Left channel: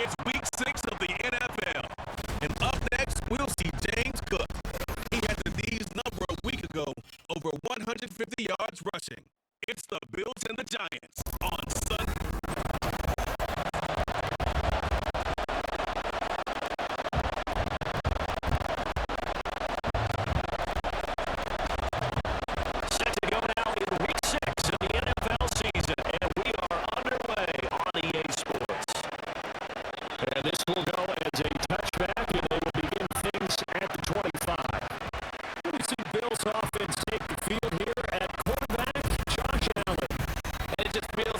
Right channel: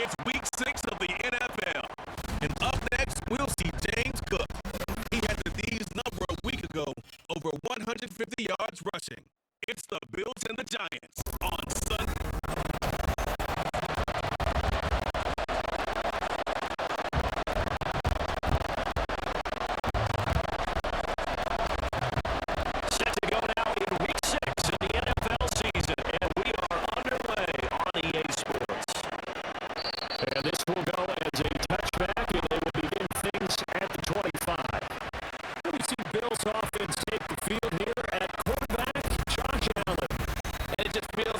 It's week 6 of the NFL. And up next, we'll see James Cook. He had the D's number a week ago, over 150 yards rushing. It's the Bills and the Giants on Sunday. Set to go now in week 6 of the NFL season, and we are underway on EA Sports. And this will go as a touchback, and they will begin things at the 25. We see Bills offense take the field here at quarterback, Josh Allen. And it just feels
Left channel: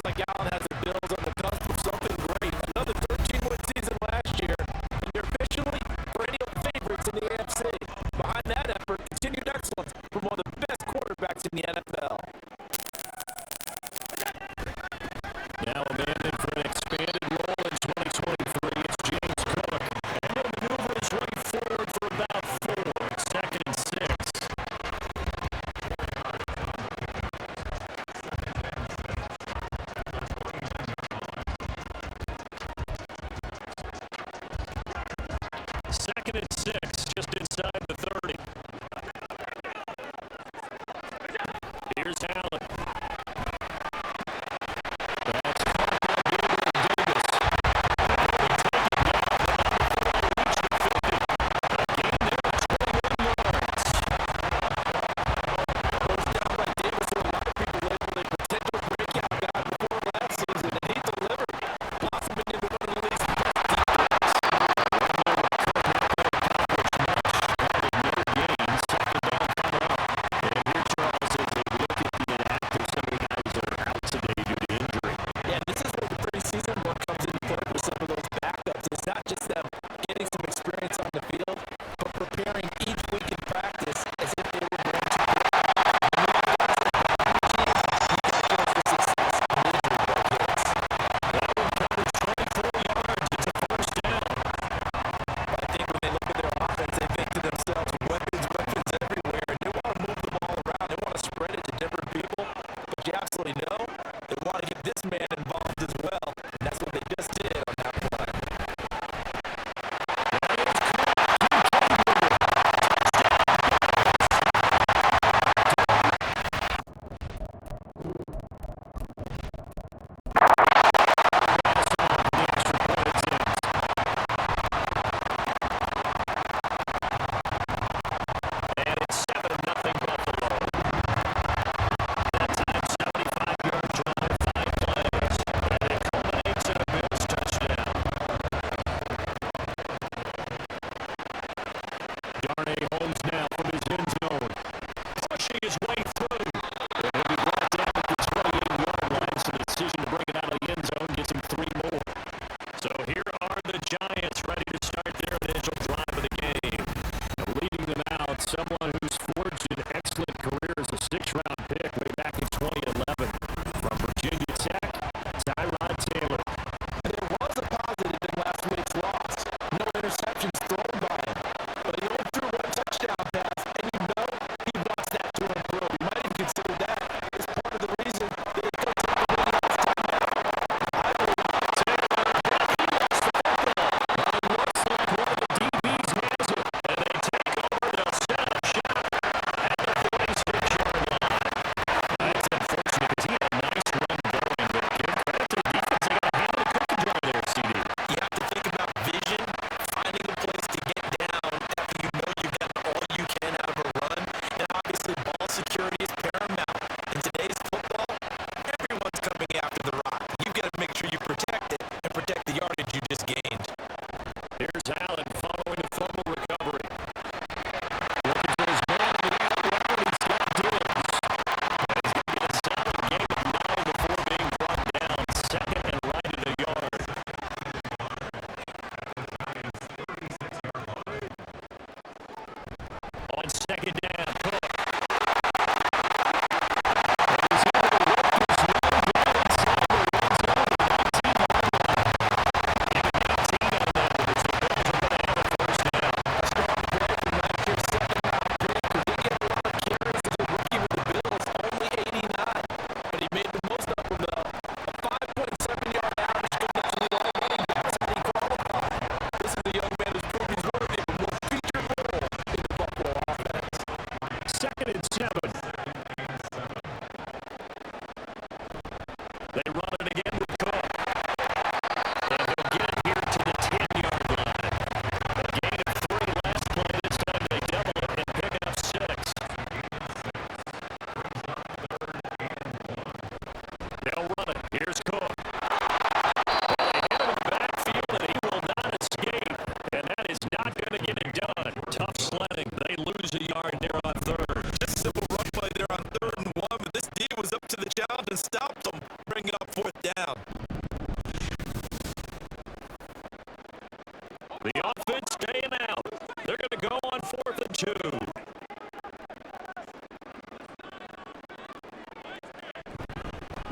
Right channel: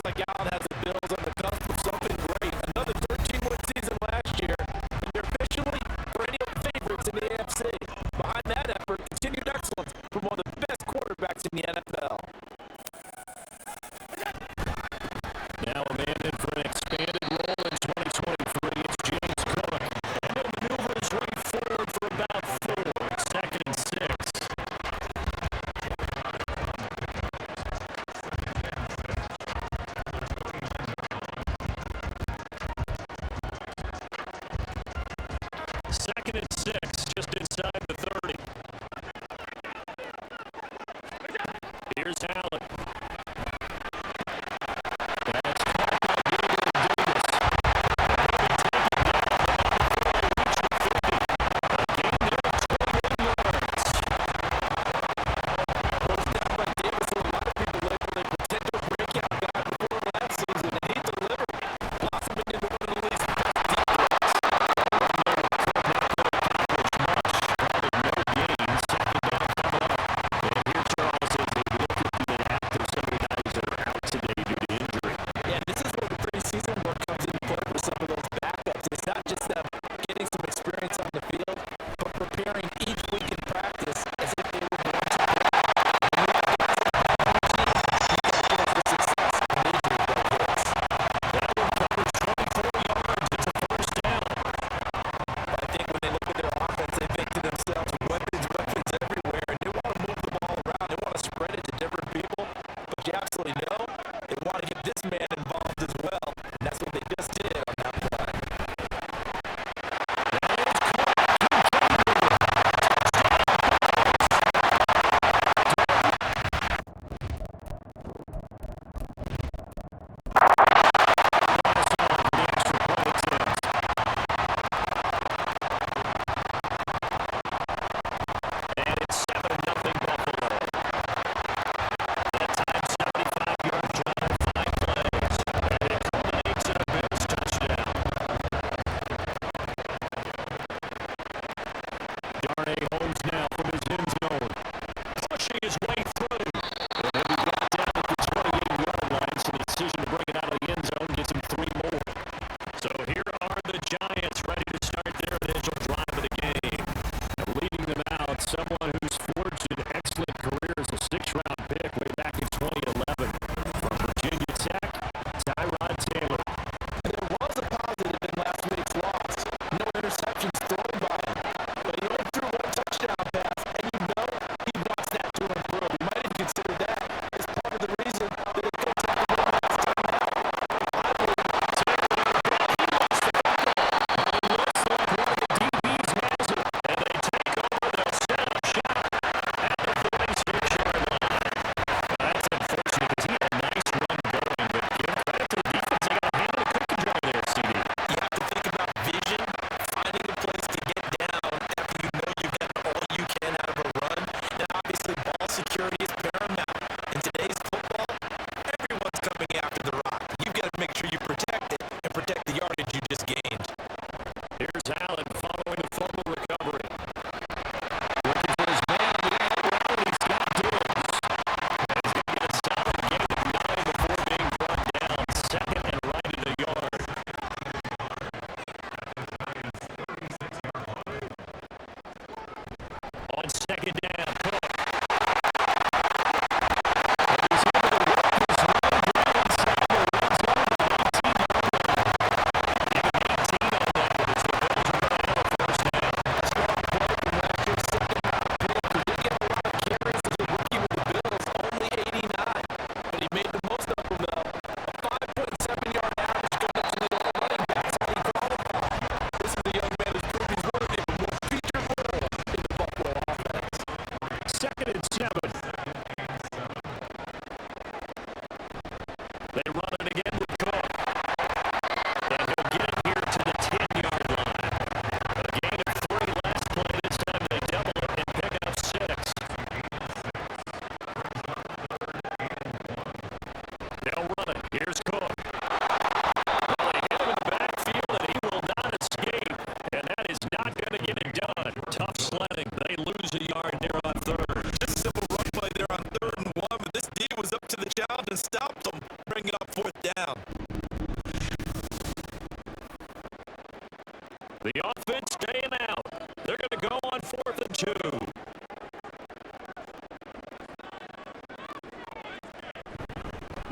The offense staying out. They're going to go on 4th and 2.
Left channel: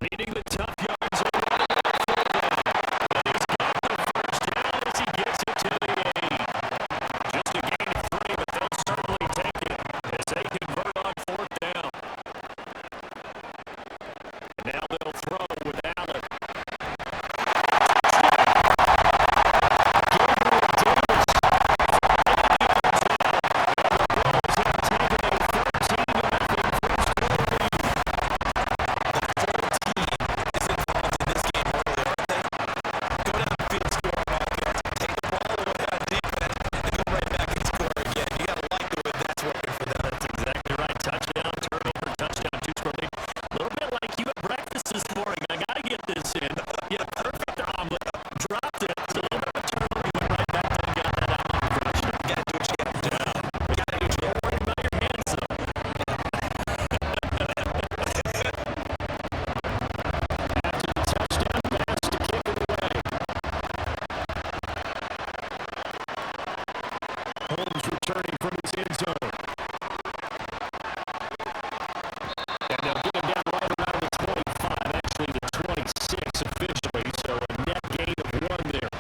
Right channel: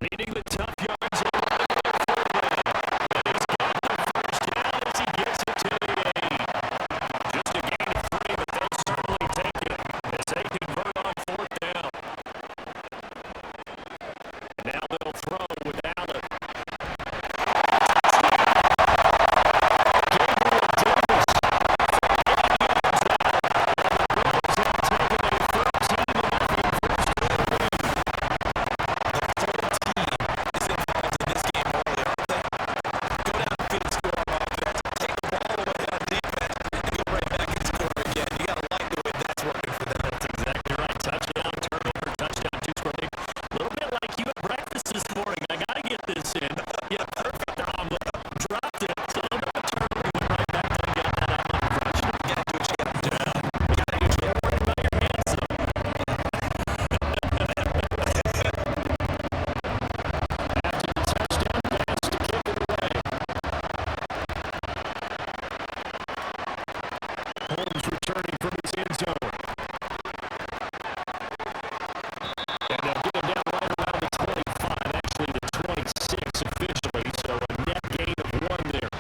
Needing the tough yards and running back for them. And he's got the first down as he gets it to the 8. Just a gain of 3, but they'll certainly take it as they convert on 4th down. Now they'll throw with Allen. Gabriel Davis for 8 yards out. And the Bills have taken a 13-0 first quarter lead. The whole team is involved in this game early, aren't they? Go down the field, score on offense, take the ball away on defense, and go right back and score again. You got to like the way that's working for them. That's exactly right. Touchdown, turnover, touchdown, 2-score lead. A little bit like you at breakfast this morning. I got to get this in. Yeah, perfect omelet. Dropped it. It's a little bit of a turnover. Went right back there and got that omelet crushed. You got to do what you got to do. You got to do what you got to do. Worried about your hands, though. After the touchdown pass to kick it away. Holmes returning from his end zone. And they'll get him down right around the 25, actually the 26 officially, so a net gain of 1 there.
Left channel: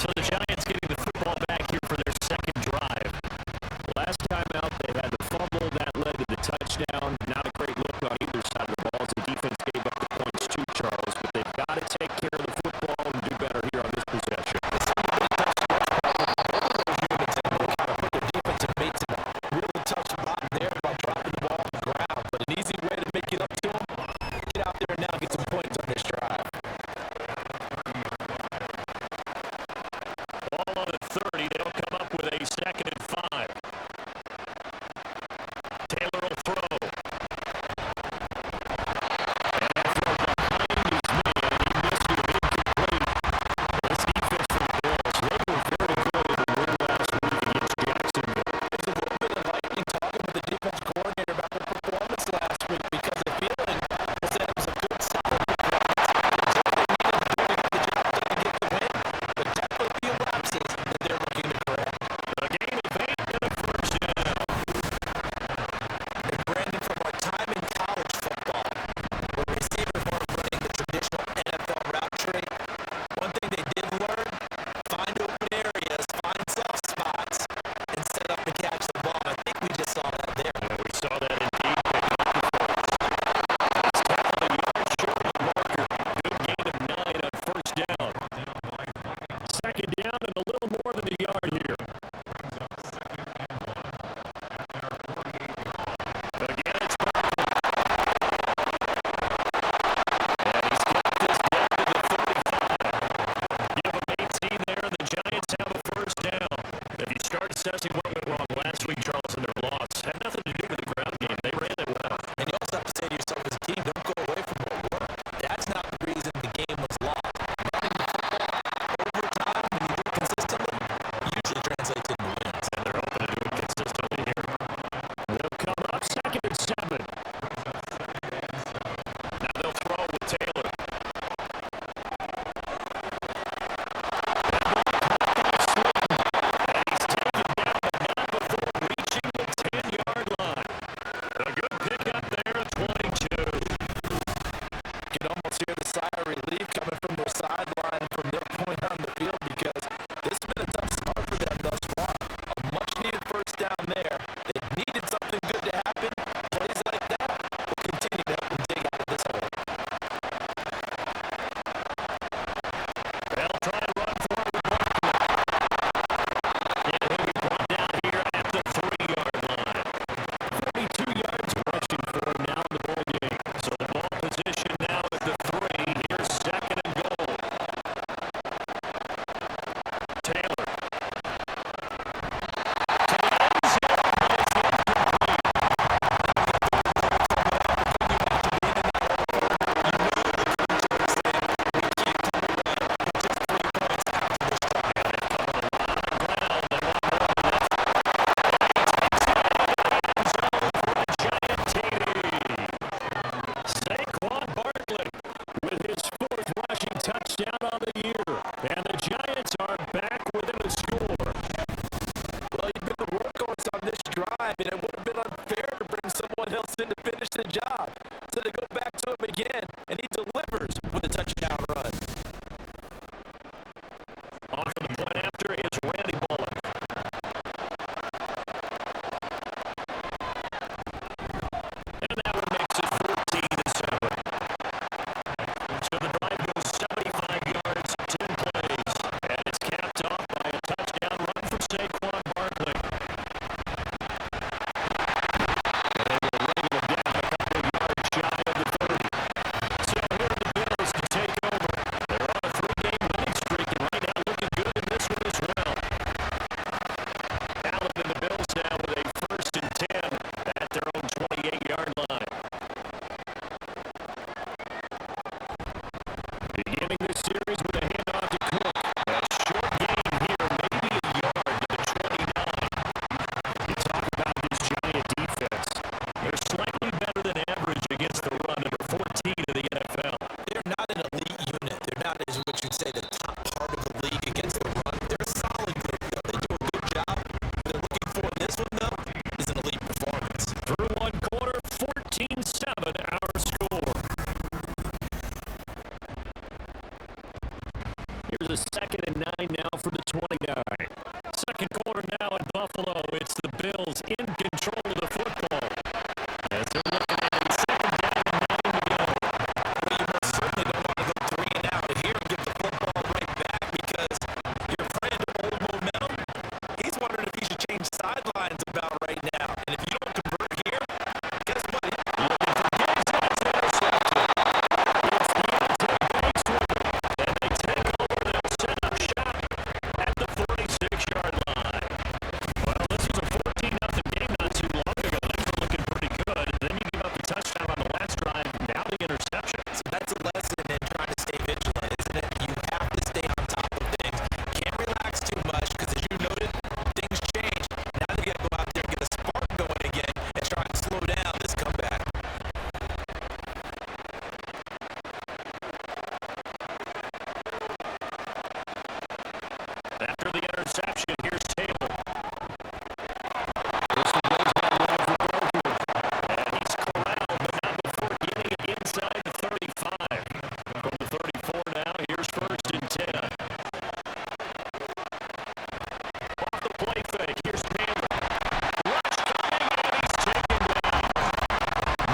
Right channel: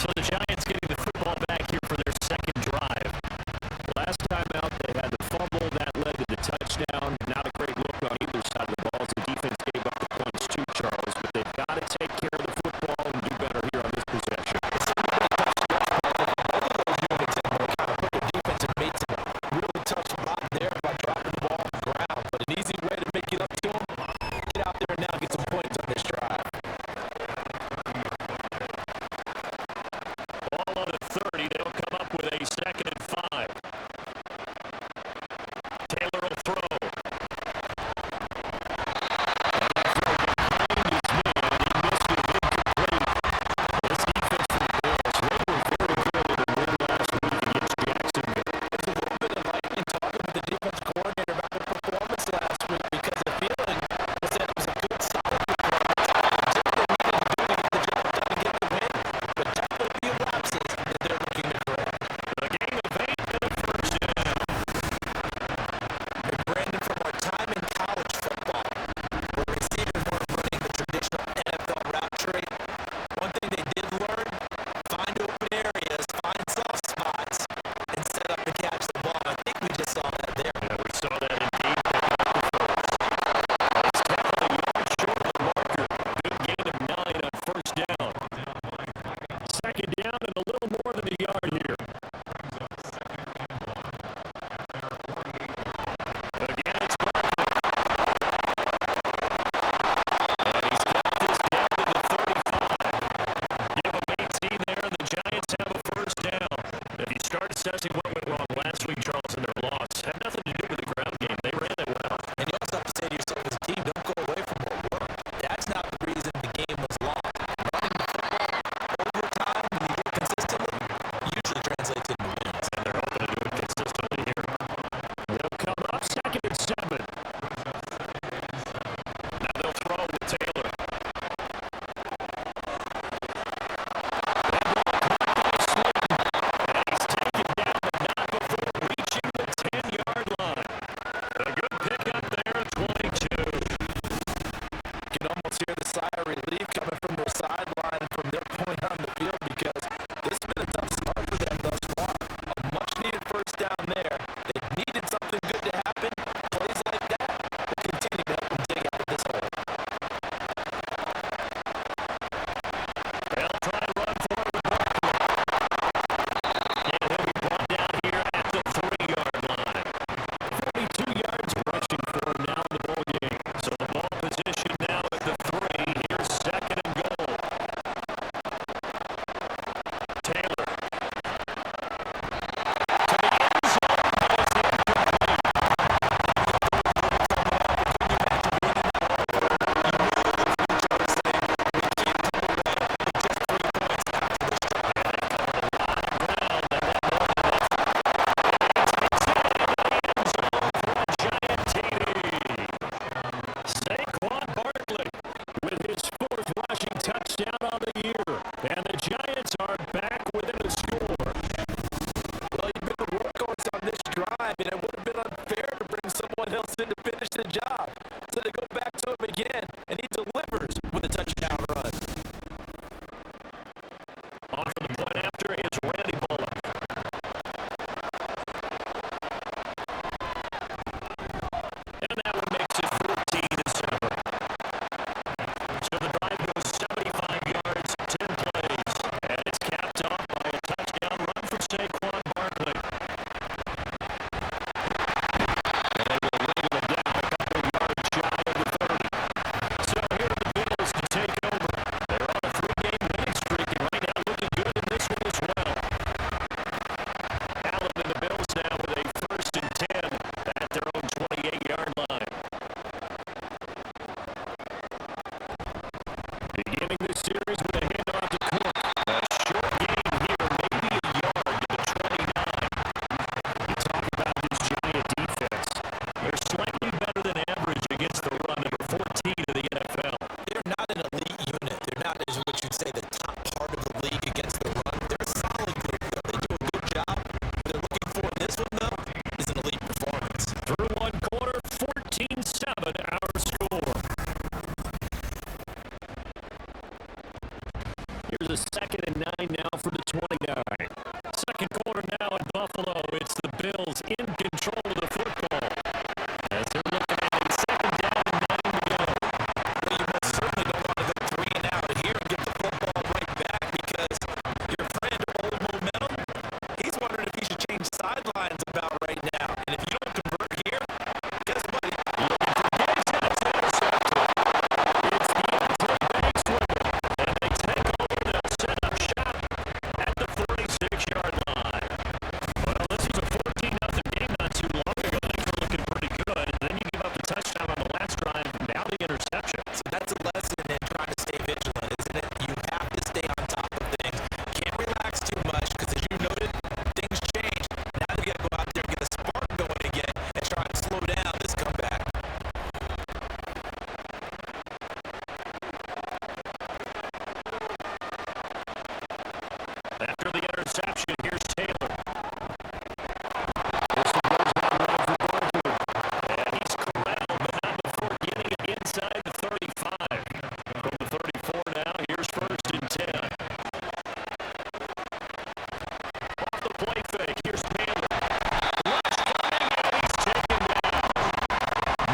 So the Giants getting the football back here for their second drive. Last time out, they had the fumble that led to the touchdown. Not a great look on either side of the ball as the defense gave up the points to Charles, but they've got to take care of the football and do better here on this possession. It's a really tough stretch, Parker, for both of those units, and they kind of put their defensive mates in a really tough spot there by dropping the ball on the ground. But an easy way to make it up to them, get out there now and get some points on this drive. Ball on the 30. They'll come up with a 2nd and 5. Taylor will throw. And that throw behind his man. He missed it incomplete. This defense for the Bills, they were very good in the win last week against Jacksonville. There's a little bit of lightning talking with the defense coordinator about their performance last week because they're feeling they said it was a good, solid performance. Just what they needed to do to get the job done and get the win. But definitely a few lapses that they're looking to correct. A gain of 8 and a first down. And Brandon, from our time in college football, where receivers weren't running the traditional NFL route tree, one thing they did learn, find open areas, find soft spots, and set up and catch the ball. I think we just saw that there. Yeah, we saw that indeed, picking up the first. It's tackled a yard short of the marker. Good gain of 9 on first down. 2nd down and a little more than a yard here. Again, it's Barkley. And he's got this down to the 35. Give him 18 there, and the Giants have a first down. If you start assessing what went wrong last week, Charles, in their loss, had nothing to do with the ground game. They ran it well. And you also have to say to yourself as a team, don't go away from what worked. That's not the reason the game was lost. Running the football over time, when you do it consistently, usually translates into wins. And they're hoping to do it consistently here. They'll come up 2nd and 7. Now they'll throw with Taylor. That ball caught by Slayton. And he's taken down, but not before reaching the 10-yard line. A good pickup there at 22. You can almost hear the sigh of relief coming from their sideline and from their point on the field because this has been a tough start for them thus far. A much-needed first down there. They needed something good to happen. Plays like that will continue to help them dig out of this hole. They'll try to run forward with Barkley. And he'll be brought down here at the 3-yard line. 42 yards rushing for him now in the ball game. So the ball position now at the 3. Here's 2nd and goal. should say, the top part of the league against the run. They're a solid group, though. They do a good job. What they're looking for in this one, though, is an elite performance. Through one quarter, 14-7 our score. Here's a 2nd and 9 now for the 29. Second quarter now in Buffalo. It's the Bills in control of the football as they're looking at a 2nd down and 9 to go. Well, you most certainly don't want to go 3 and out here and give the football right back because your friend, Old Momentum, he's wondering if he should change sidelines about right now. And if you don't convert here, guess what? Looking for Gates, and it's intercepted. It's Deontay Banks with it, and they take over. They'll set up shop at the 46-yard line. Well, this was a 14-0 game not too long ago. Things were looking pretty good. Then you give up a touchdown on the last drive. Now the interception. So that's a lesson in trying to stay vigilant, isn't it? You have to stay on top of things. Can't relax too much because, as you noted, things change. Now you got to go out there and get a spark going again and try and slow down this comeback. After the interception, here's Taylor. This one goes down wide for Barkley. And he's corralled, but not before getting it inside the 35. From the 34 now, here's 1st and 10. Off the play fake, here's Taylor. Rush coming, and he's taken down.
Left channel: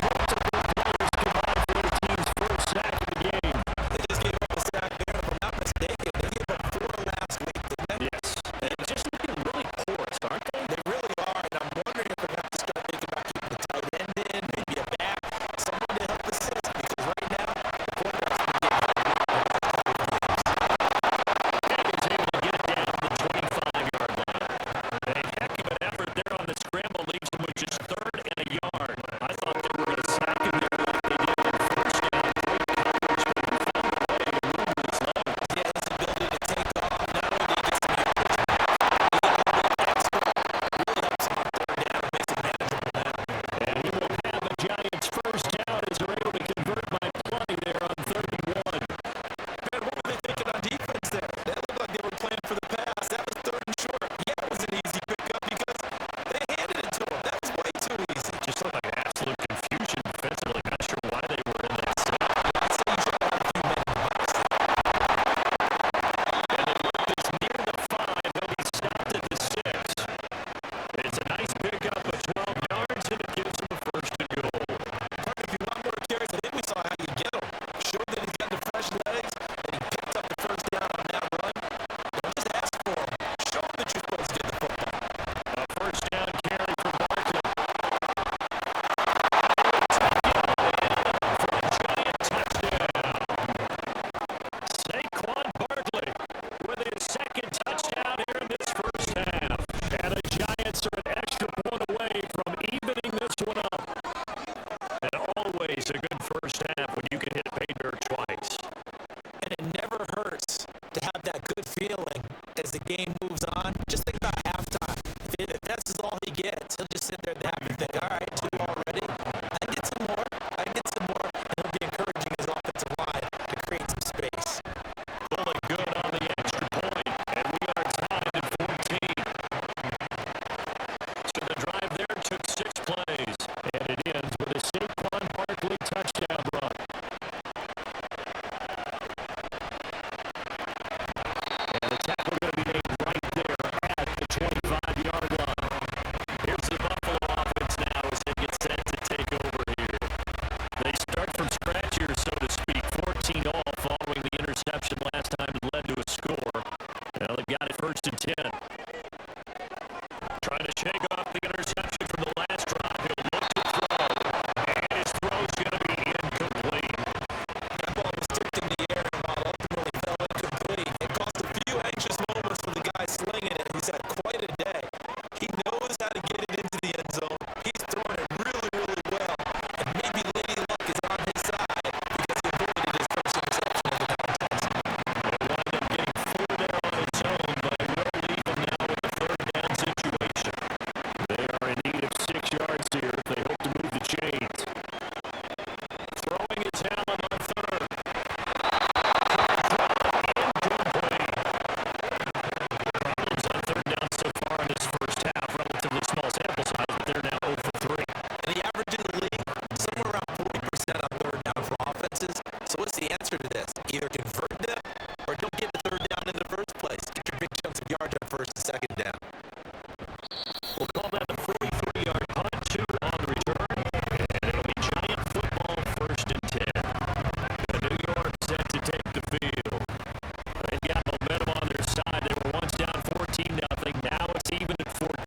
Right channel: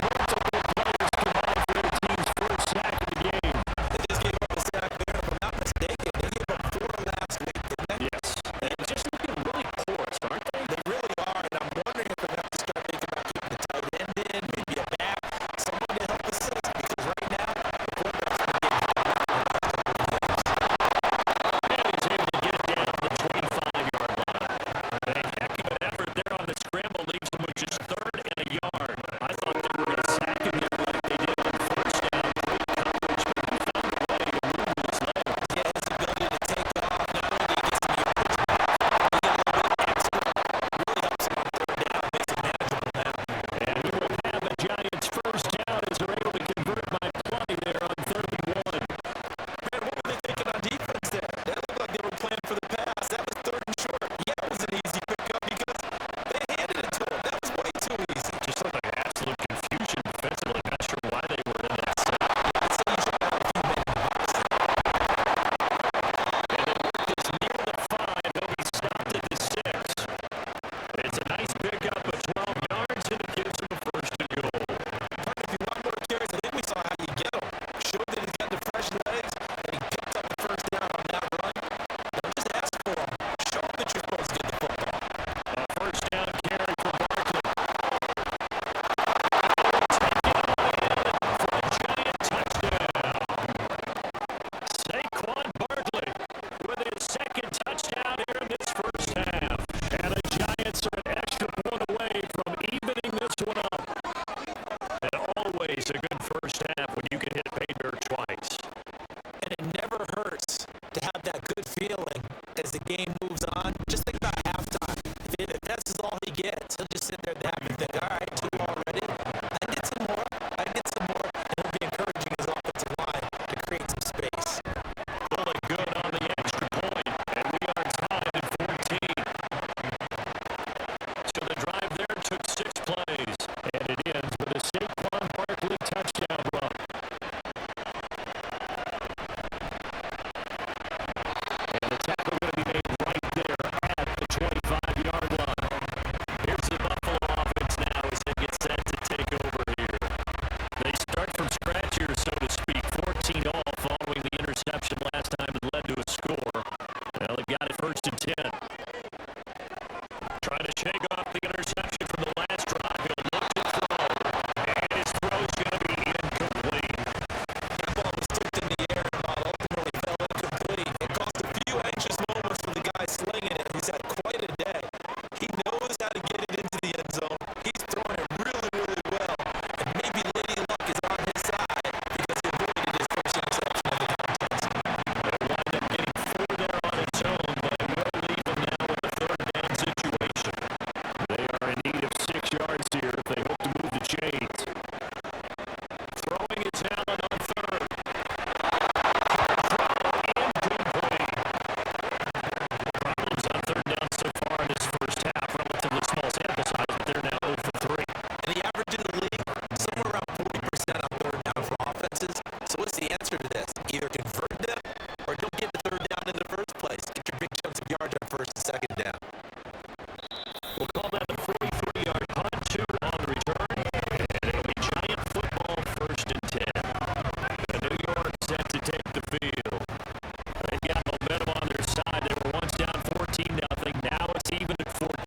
Multiple players combined for the team's first sack of the game. They just gave up a sack there. If I'm not mistaken, they gave up 4 last week, didn't they? Yes. And just looking really porous, aren't they? They really are, and I'm wondering if they're going to have to start thinking about keeping the tight end in, maybe a back, someone to help assist, because right now, the quarterback's been getting hurt the last couple of games. And he's able to get it down to the 25-yard line. A heck of an effort there on the scramble leaves him with just 3rd and a yard. I thought they were going to sack him there like they did on 1st down. Great coverage, but he found a way to move with his legs. Yeah, his ability to take off, not only he gets some yardage back, he got a little bit extra, really helps him on 3rd down, makes it manageable now. And he will have a Giants 1st down as they're able to convert by plenty there on 3rd and 1. Man, what were they thinking on defense there? They looked like they were playing for the pass. That was 3rd and short. Yeah, it was an easy pickup because they handed it to him. That was way too easy. Just looked like absolute confusion defensively. Not sure why they were in that set. I'd say you should have had a few men in the box there. And they work this near the 5. They'll be stopped at the 6. It's a nice pickup of 12 yards, and it gives them a 1st and goal. If you want more carries, I think we saw how you get him. Showed that he's got the fresh legs, that he picked up the 1st down on that run. Don't just ask for him. Show him that you're supposed to get the football. A 1st down carry for Barkley. And they will take it all in for a Giant touchdown. Saquon Barkley with his 2nd touchdown here in this 1st half. And the Giants are an extra point away from evening this one up. And always a good 1st half when you can hit Bader twice. And it never hurts to have that good feeling as the game moves on. Just think about halftime. If that's all he gets, he'll just sit there and happy and think, all right, 2 already. I get some more. I get some more. And he'll be encouraging his offensive line to create some space. Pulling good on the extra point, and we are tied at 14. So the drive there took 6 plays, and it ends with a Saquon Barkley touchdown run. And the tackle going to be made right there at the 25-yard line. Here's the Buffalo offense now as they get set to take over here. They start from scratch here, so to speak. 14 all following the interception last time it led to a score. Well, they've got it 1st and 10. Trying to shake off the interception from the last drive. He'll look to throw. And his throw's going to be incomplete. That ball was tipped in the air and ball ultimately fell incomplete. It caused a few anxious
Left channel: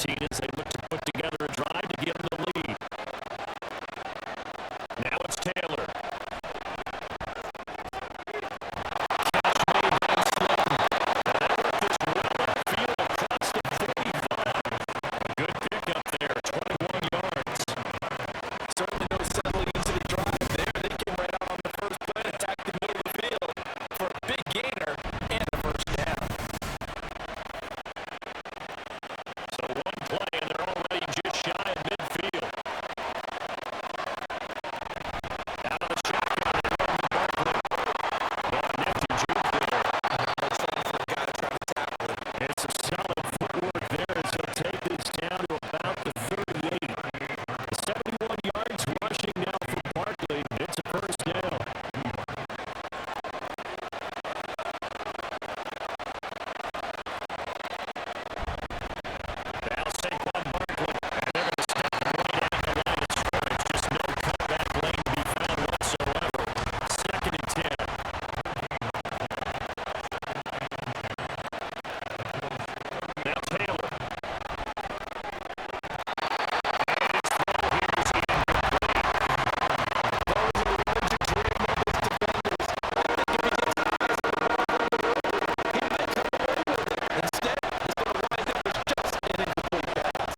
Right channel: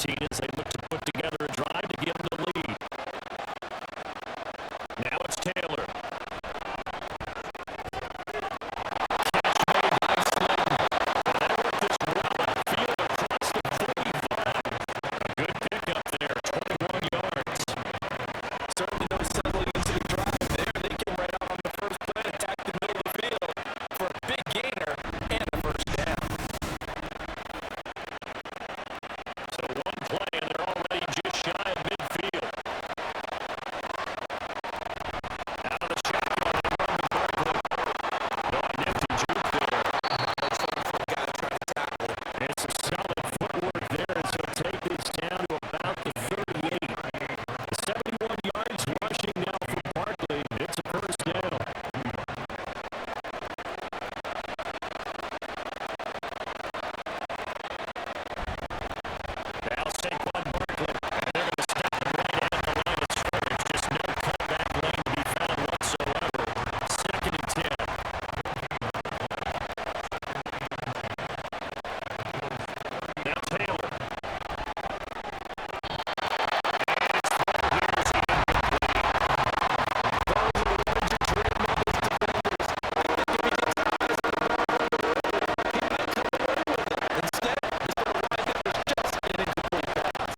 Martinez, they look to put together a drive to give them the lead. Now it's Taylor. Catch made by Slayton. And they work this well upfield across the 45. A good pickup there, 21 yards. Certainly no settling into the drive there. They came right out on the first play, attacked the middle of the field for a big gainer and a first down. So one play, and they're already just shy of midfield. Out of the shotgun, they run to Barkley. Oh, an empty juke there. That's fun for a guy to try to tackle him. It's a solid footwork there as he'll take this down to about the 38. 71 yards rushing now for Barkley. It's a first down. Now Saquon Barkley, and they're going to stop him right at the line of scrimmage. Just no cutback lane to be found whatsoever. 2nd and 10. Now Taylor. And his throw here is incomplete. Those are the ones you dream of as defenders. I think if he gets his eyes on the ball on the road, he might come away with it. Instead, he's going to wind up with just an incomplete pass.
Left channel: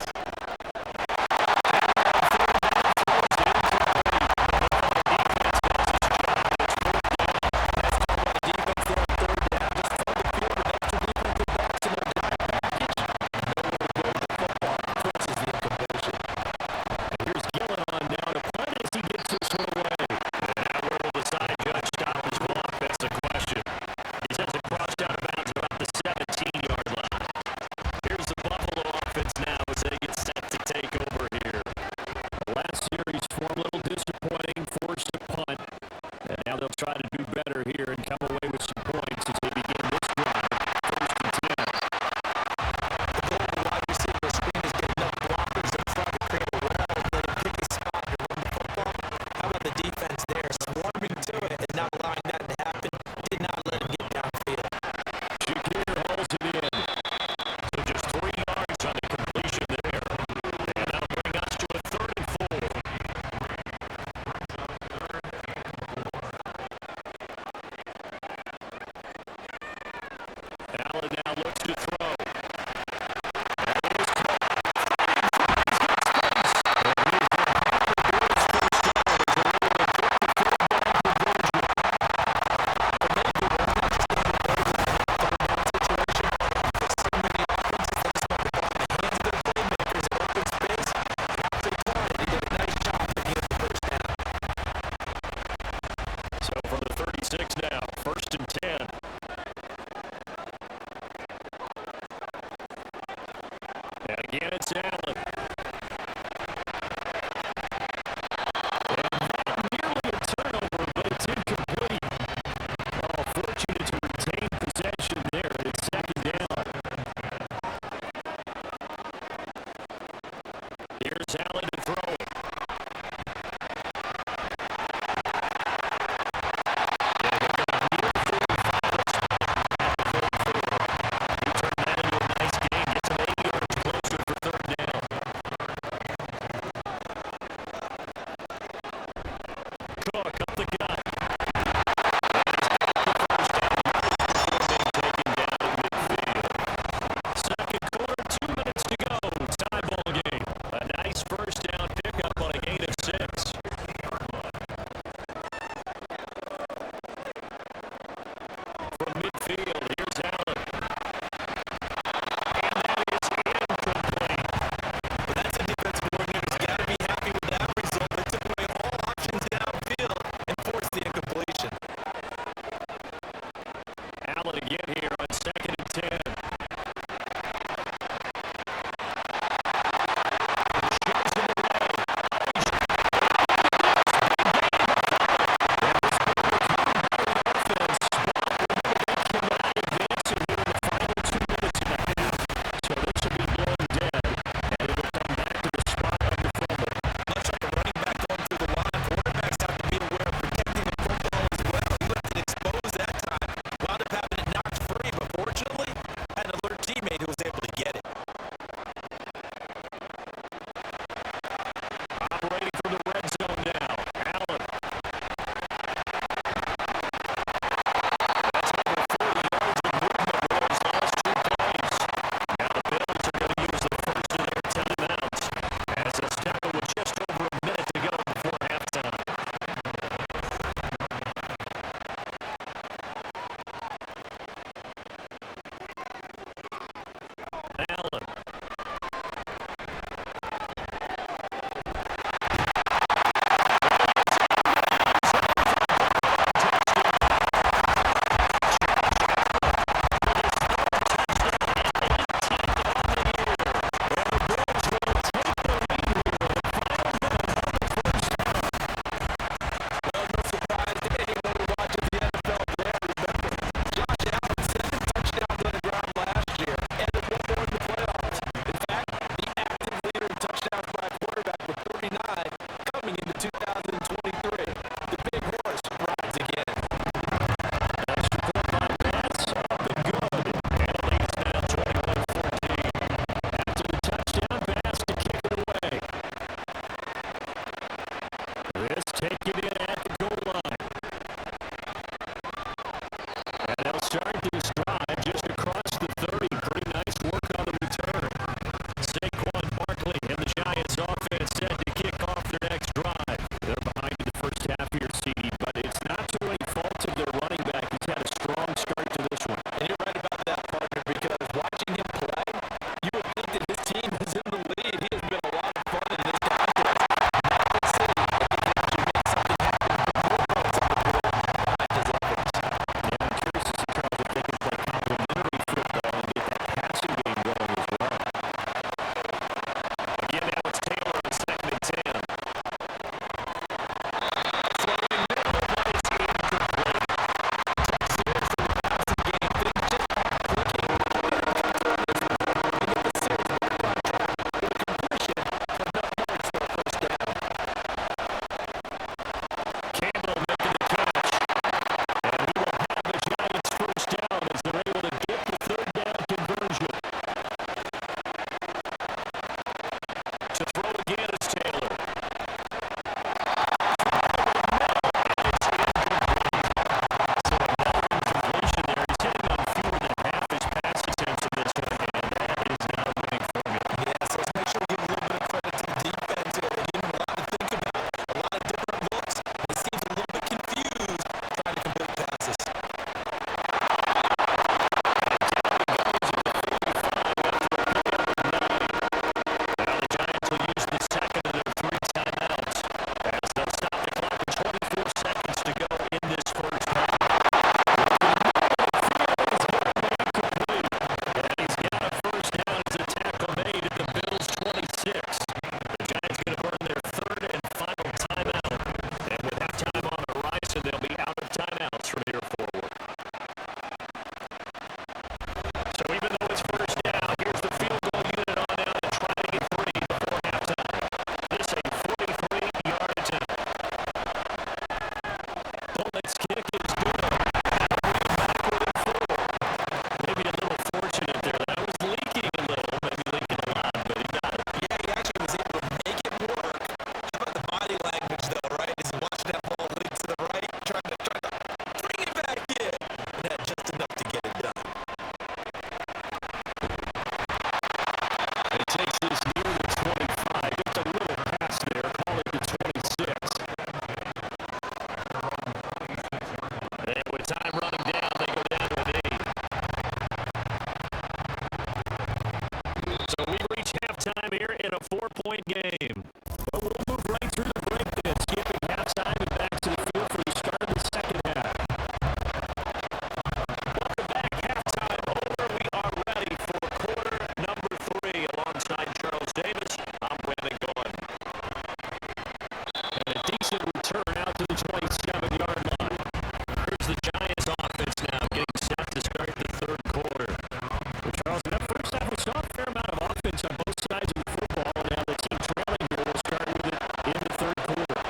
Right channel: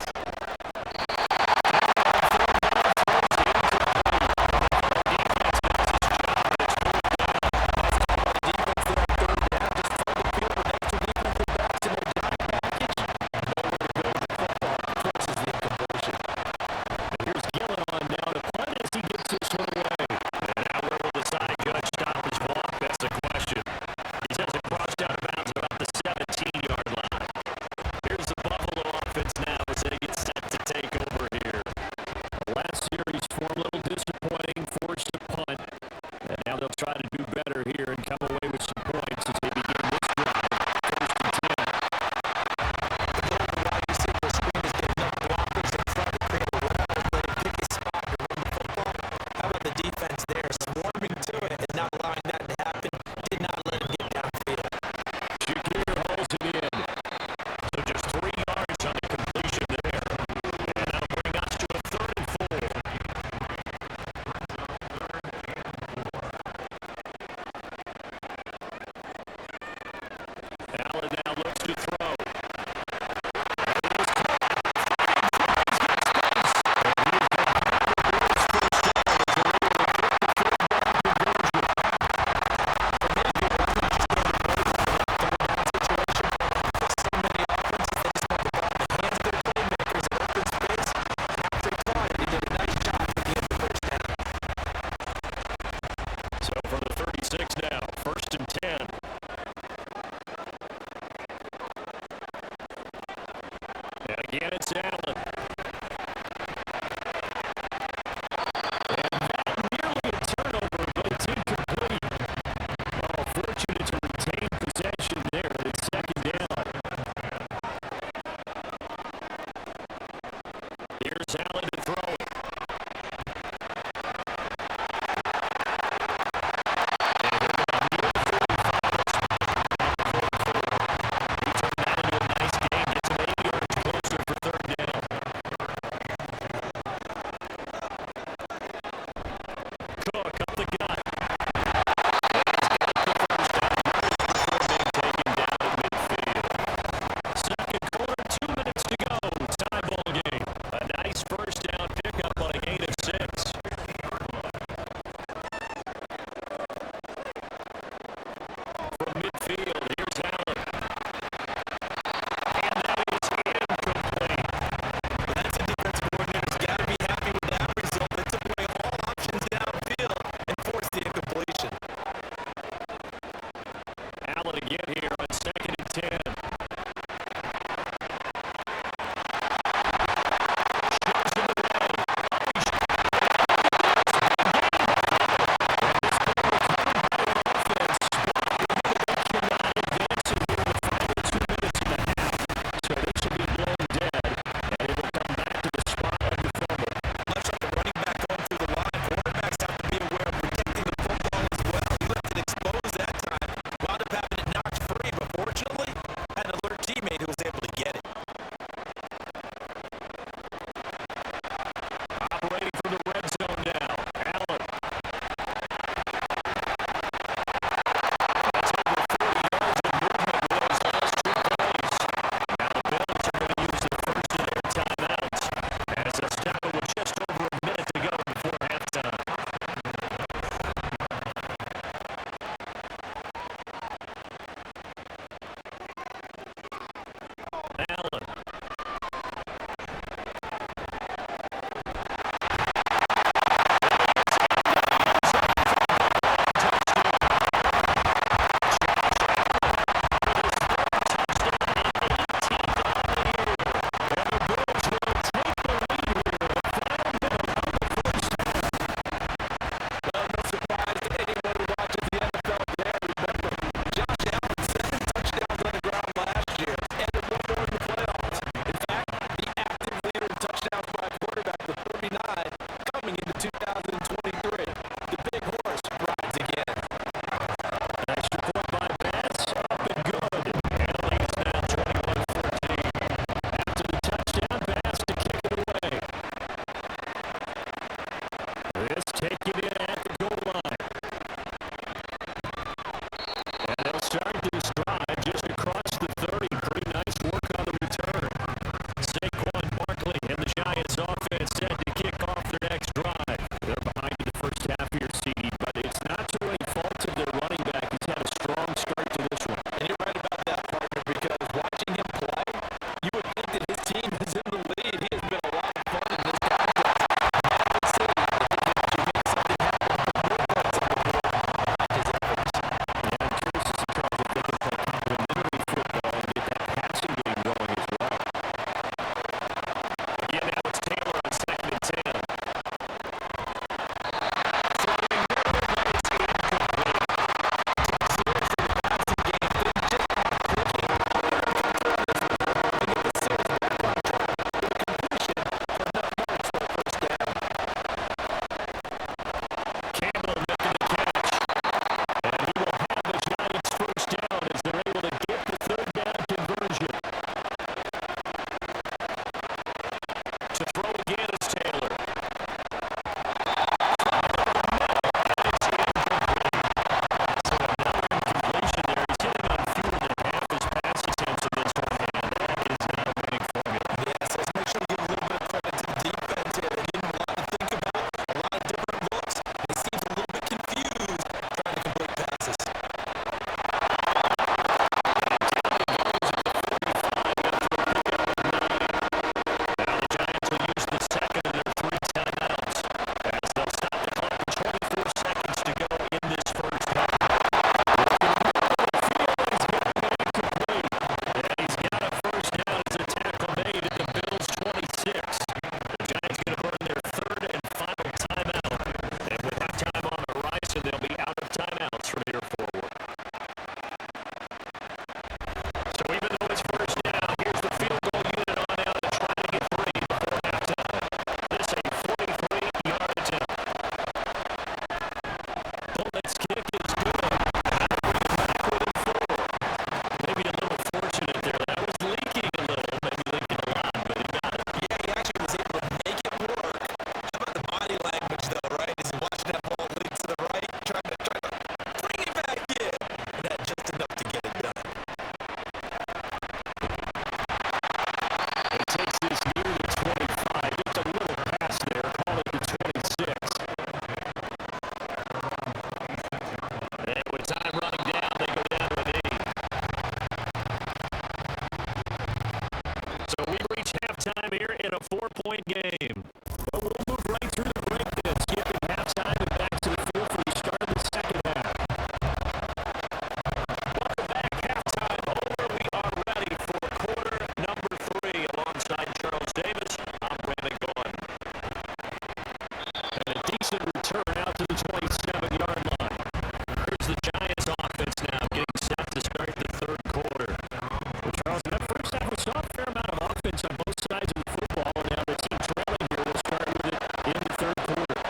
Defense there on third down. Just flood the field with extra defensive backs in their dime package. Nowhere to go with the football. Forces the incompletion. Here's Gillen on now to punt as he gets this one away. And now where will the side judge stop his block? That's the question. He says it crossed out of bounds about the 17-yard line. Here's the Buffalo offense now as they get set to take over here. Last series form a little disappointing, forced to punt. And now they'll try to do better here and come away with some points as they begin this drive. 1st and 10. The goal of the wide receiver screen is get enough blockers in front to create a wall, let him pick his spot and run the football. How about the defense there, swarming to it and not allowing that to happen? Did not let him get downfield. Shakir hauls it in. So just 3 yards on the completion there. And that'll bring us to a 3rd and 4. Allen now looks to throw. And it is caught. He's got space. And he is going to have to do his first down as they're able to get the 3rd down conversion. For many people, it's not just getting the ball in that third down situation. For so many offenses, they just want the ball in the hands of their playmakers in open space. And after he caught it, he did a nice job picking up the first down. So from the 36 now, 1st and 10. And again, it's Allen. And that nearly a turnover, but it's incomplete. Oh, fortunate to retain possession there, and it's 2nd down. Here's Allen to throw it. And he'll get a near 45 spot at the 44. He turned that into a nice game, gets him 80 yards closer for 3rd down. Cook up the gut. And he's getting the first down yards before being taken down at midfield. 2nd quarter, 2 minutes to go. Tie ball game. A nice first down pickup on a gain of 6. From midfield, here's Allen. And that is incomplete. But that's a defensive coordinator's got to be happy with that result. They took away all options downfield and forced the incompletion. Allen again here on 2nd and 10. Shoves him away. Oh, he's big gain by Butler. And this ball recovered by the offense. But they cannot advance it here in the final 2 minutes and a half. So this will be blown dead, and it'll come back to the spot on the fumble. Much like a running back going through the line, quarterbacks have to be aware of protecting the football as well. He left it exposed that time. Wound up having it knocked free, but fortunately, here in a 4-point game. But we'll move right through the break then, skipping halftime and back to the field for the start of the second half. Welcome back. Halftime over. We are ready for quarter number 3. Alongside Charles Davis, I'm Brandon Gaudin. And a decent return out to the 27-yard line. Here's the Giants offense now getting set to start the third quarter. Well, Charles, in that first half, we saw a fair amount of offense on both sides of the football, and now the team trailing here will start with it in the third quarter.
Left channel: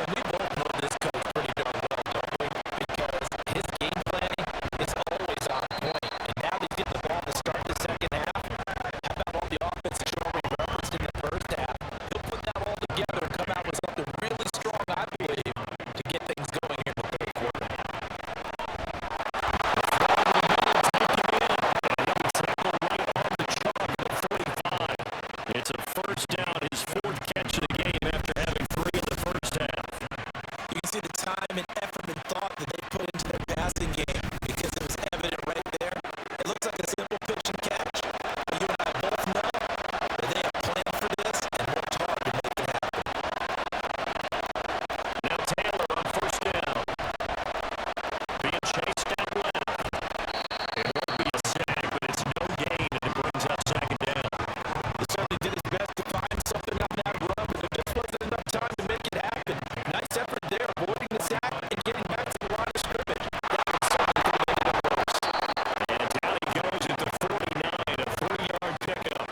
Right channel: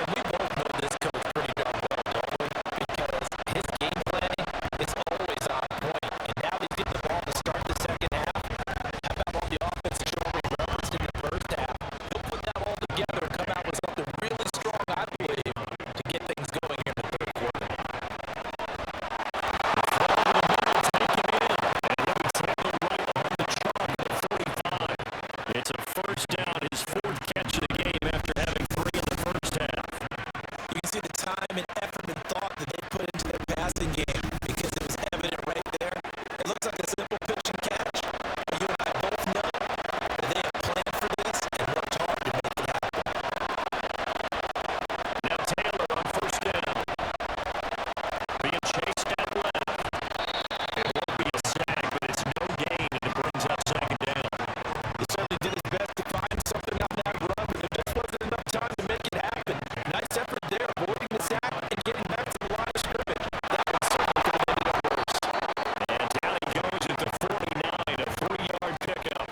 And we both know this coach pretty darn well, don't we? Because his game planning is always on point. And now he's getting the ball to start the second half. How about all the offense that you already referenced in the first half? He'll put that all together and come out with something really strong, I believe, to get things going here in the third quarter. It's a first down, his 4th catch of the game after having 3 in the first half. You can see the time and effort and thought that they put into their passing game because it was evident right there. It looks like a simple pitch and catch, but you and I both know that they have planned for this and worked hard to make it happen. Now Taylor on first down. Being chased out left. It won't be a sack, but it's no gain, and it brings up second down. He certainly did his best to find something on that run, but there just wasn't enough time to make it happen. Nice effort there, avoiding the sack and getting back to the line of scrimmage. That one certainly could have made it worse. And down he goes at the 49, a 3-yard pickup.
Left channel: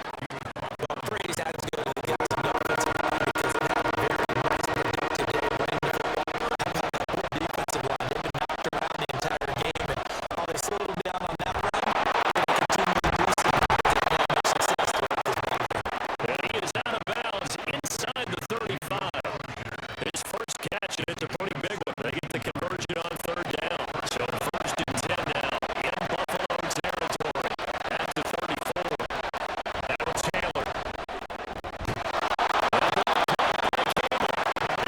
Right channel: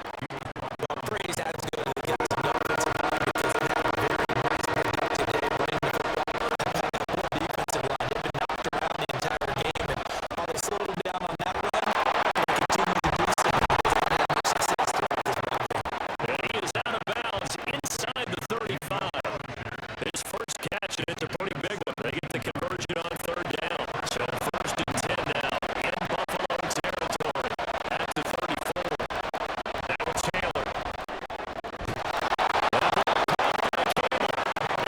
Well, praise has to go to the guys on the offensive line because they had a very nice productive day running the football. How about that poor defensive line? They've been knocked around the entire game, and while they slowed them down on that run, they continue to do so because they haven't had much success throughout this ball game. And he is out of bounds inside the 35. His first catch, and it's a pretty big one. They get the conversion on third down. So first and 10 now in Buffalo territory at the 34. Now it's Taylor. That ball caught by Campbell.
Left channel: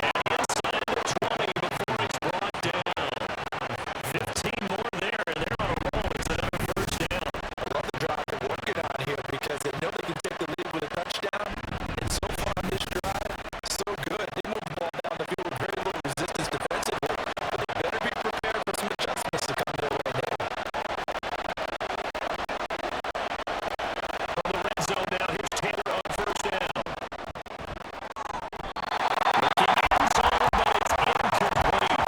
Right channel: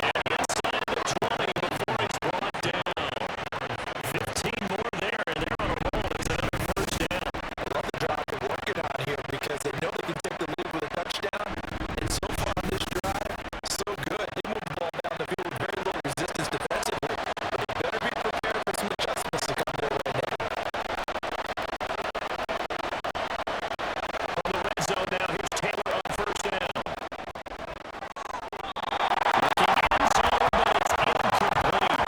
And inside the 20 before he's brought down. 15 more there, and they're on a roll. It's another first down. I love the drive they're working on here because they know they can take the lead with a touchdown. And so far on this drive, so good. They move the ball down the field with very little resistance defensively, but they better be prepared for some adjustments to come their way now. From the red zone now, here's Taylor on first down. Looking end zone, but it's incomplete.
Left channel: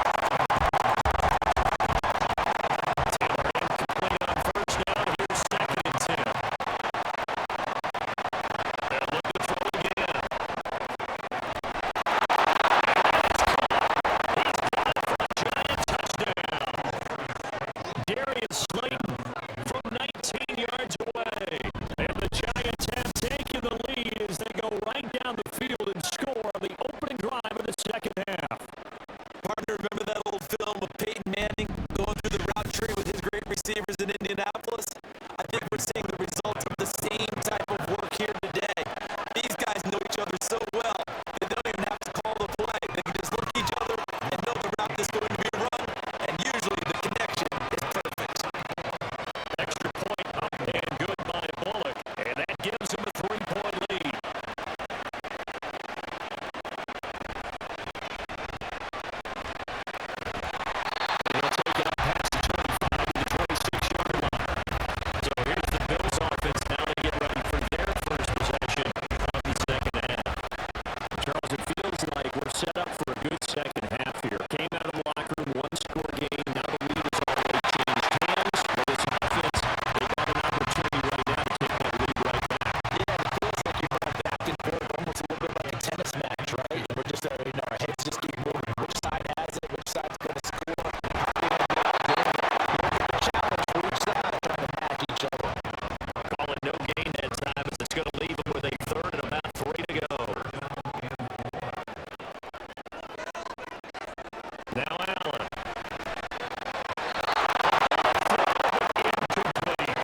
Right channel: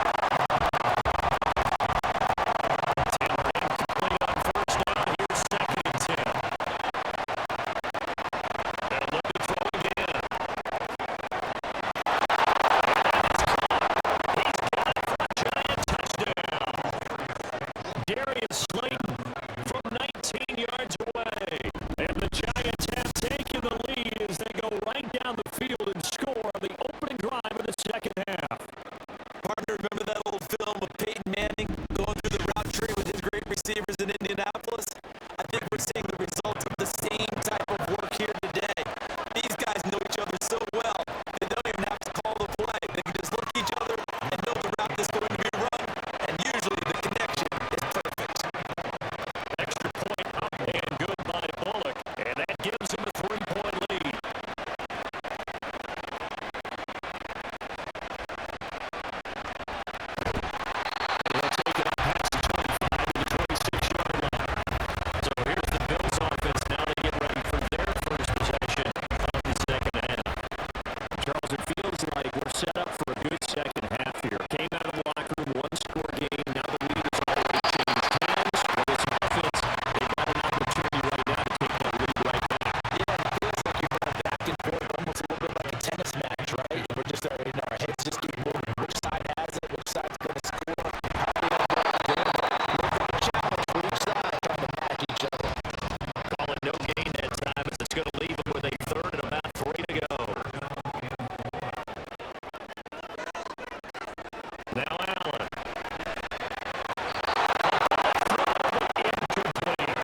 Taylor incomplete on first down. Here's second and 10. They'll look to throw again. And that is caught. He's got it for a Giant touchdown. Darius Slayton from 19 yards away. And the Giants have taken the lead as they go right down the field and score on the opening drive of the second half. Partner, remember that old film of Peyton Manning going through the route tree with his great receivers in Indianapolis? I think we're seeing the results of the same type of work here today. These guys know each other so well that they don't even have to call the play. They can just look at each other and know the route that's going to be run, and usually the connection is perfect. Extra point up and good by Bullock. And that gives him a 3-point lead. He'll take it up past the 25 to the 26-yard line. So here's the Bills offense. Now they get ready for their first possession of the second half. Charles, it feels like we're set up for a good second half here. Came out of the locker room, one-score game. Now the lead has already changed hands. Well, this offense, they've got an opportunity right now to take that lead right back. Yeah, it feels like you're going back and forth, almost a little bit like a tennis match, right? We're just, our heads just keep moving. Which side has it? Which side's going to score? How are they going to go out doing it? A little bit of a challenge for each side, trying to match each other. Call it no gain that time as it's going to leave them with a third and about 3 to go. Now Allen. Incomplete.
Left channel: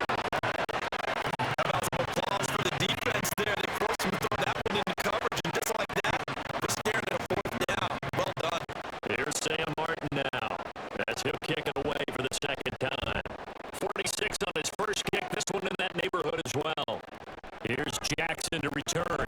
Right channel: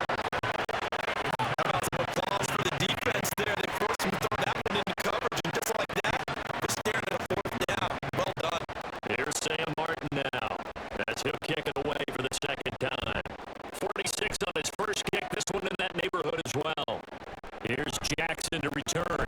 How about some applause for the defense there? They forced him to throw that one into coverage, and just like that, we're staring at a 4th down. Well done. Here's Sam Martin now. As he'll kick it away for the second time. 46 on his first kick. This one in that neighborhood as well. Here's Jackson to return.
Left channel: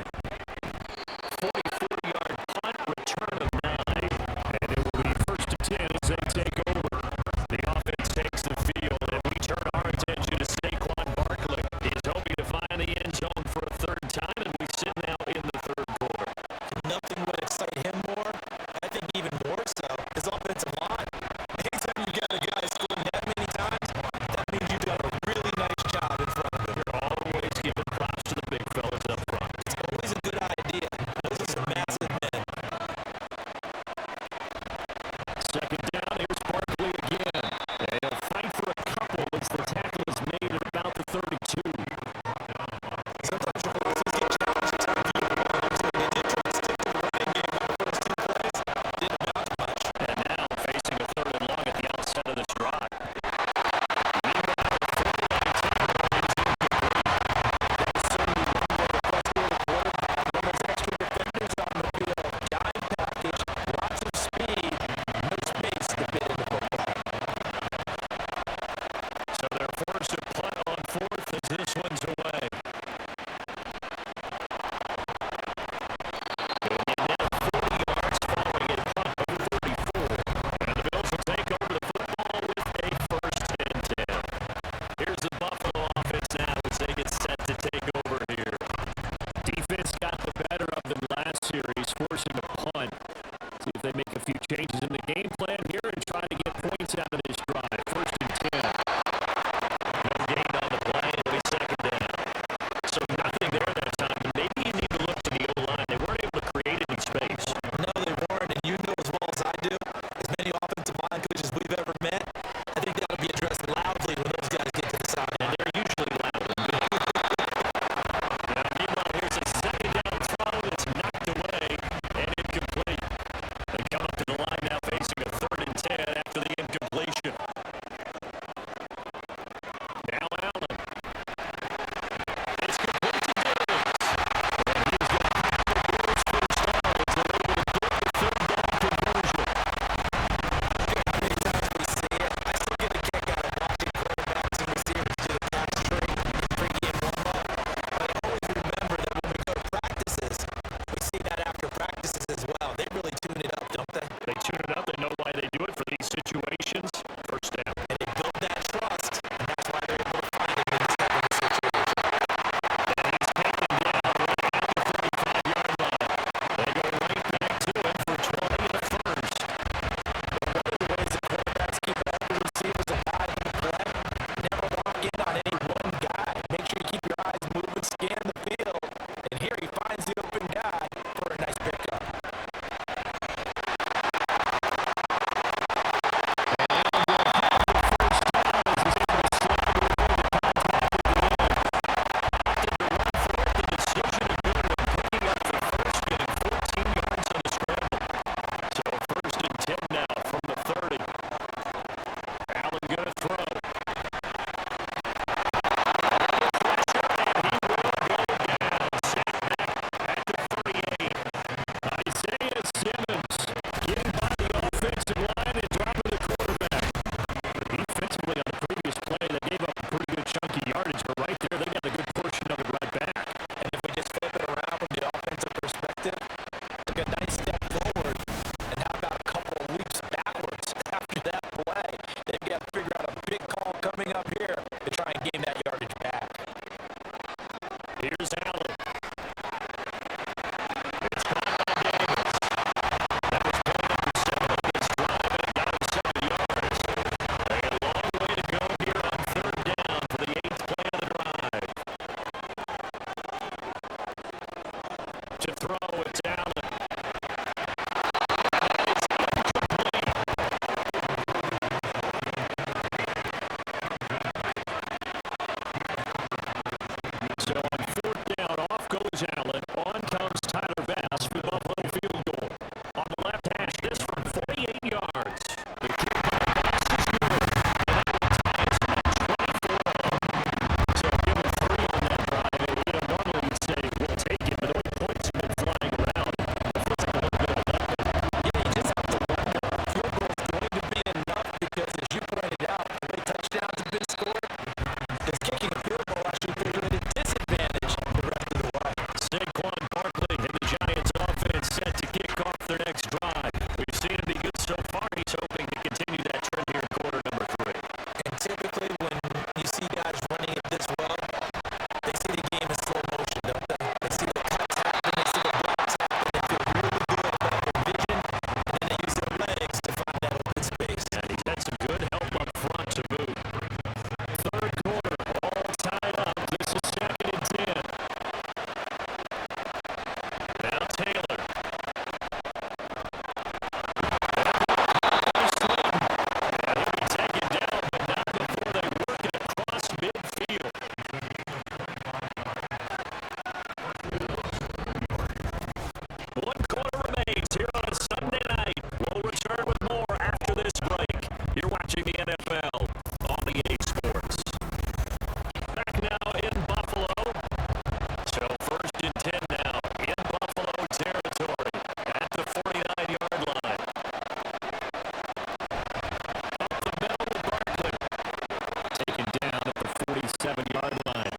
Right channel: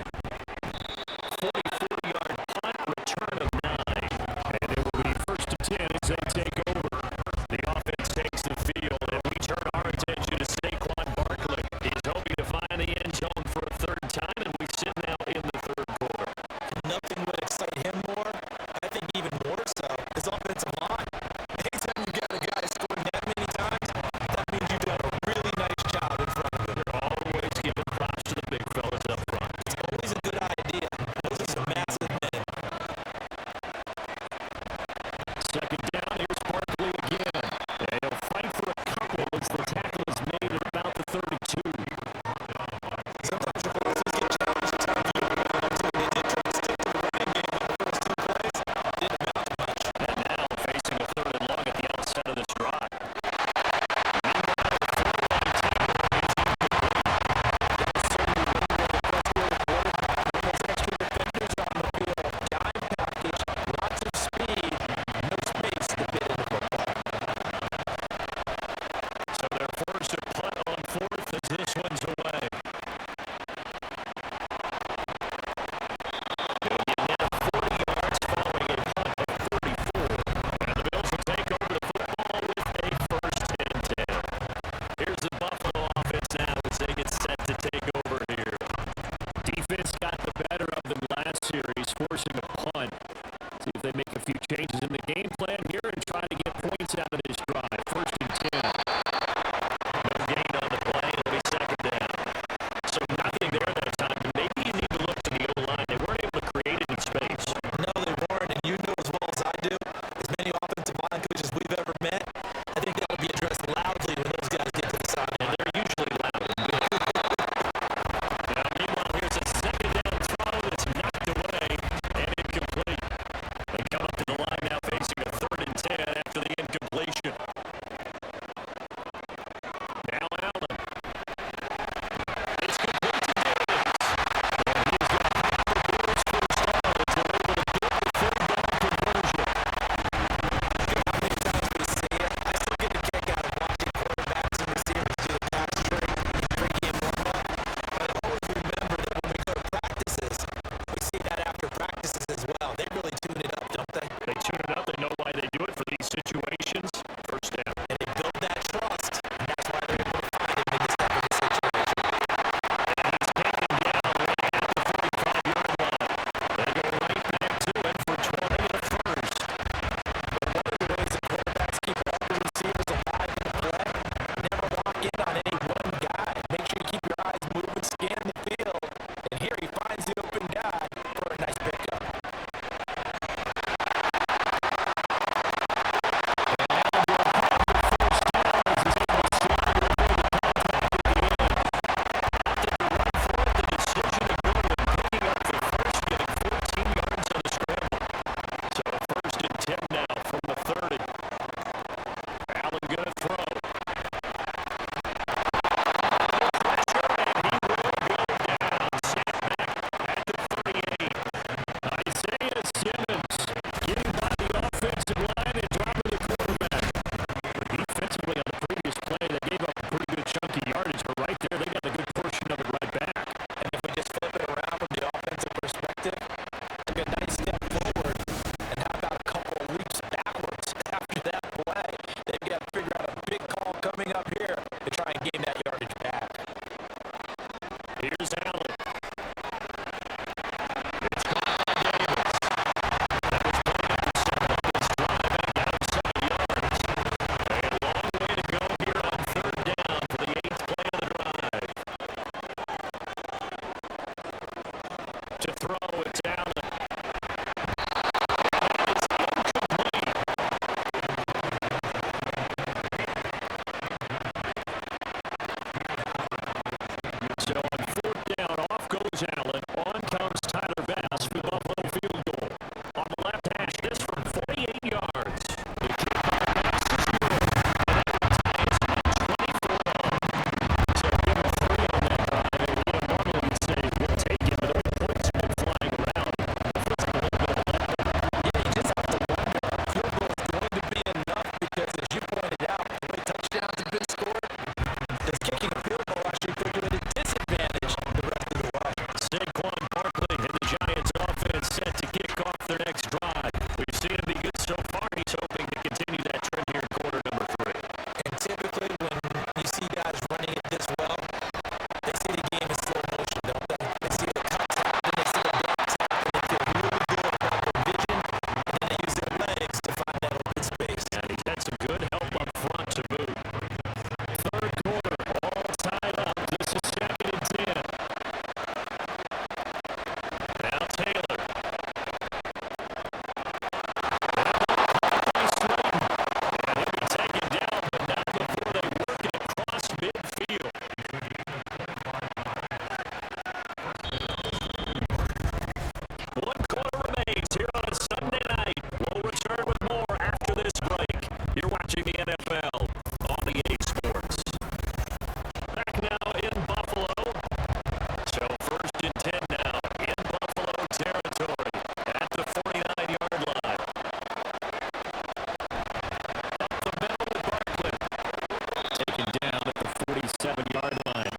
37-yard line.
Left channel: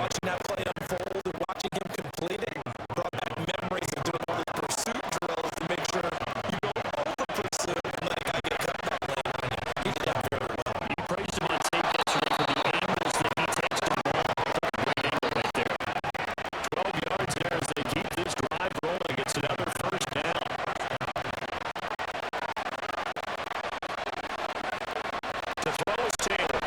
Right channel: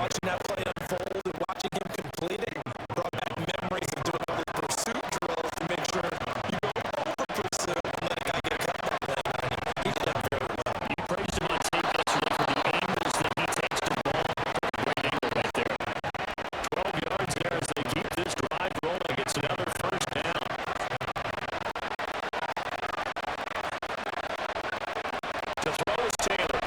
Watching that play unfold and watching him complete it brought back memories of doing all the pursuit drills to make sure you go over pursuit and let a guy get a cutback lane on you. He did that very well. You praised him on tape yesterday for the angles that he takes to the ball. Great angle right there. 12 yards there as they keep this drive rolling. It's another first down. To throw is Taylor.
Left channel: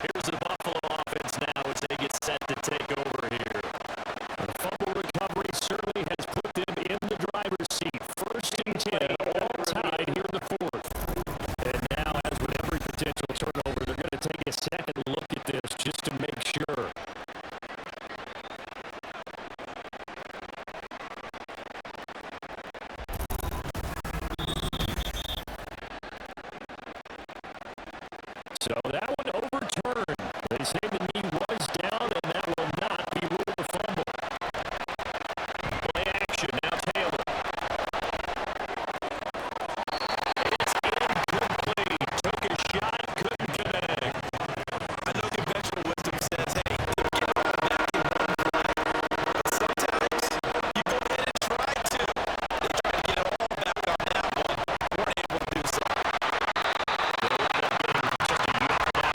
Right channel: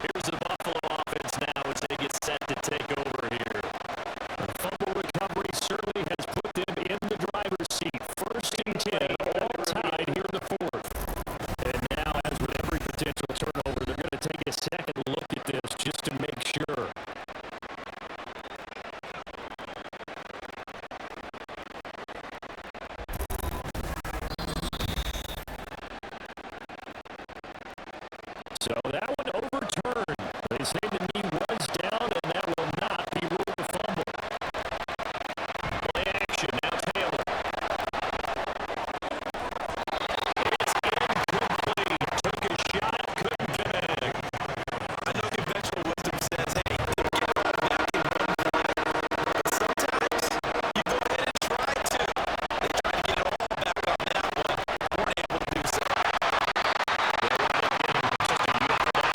Here's the Buffalo offense now as they get set to take over here. The fumble recovery certainly has put them in the driver's seat. 1st and 10, all tied here in the 4th. And now, as with every potential turnover, they're going to take a second look at this just to make sure. So that one overturned. They say the knee was down, and that will not be ruled a fumble. Play action, now Taylor. It's incomplete. Took a shot, couldn't connect. I know conventional wisdom says, hey, don't get all back in one play. But sometimes you go ahead and try to. They tried to get it all back on that one. Weren't able to do so. They'll wind up getting just a yard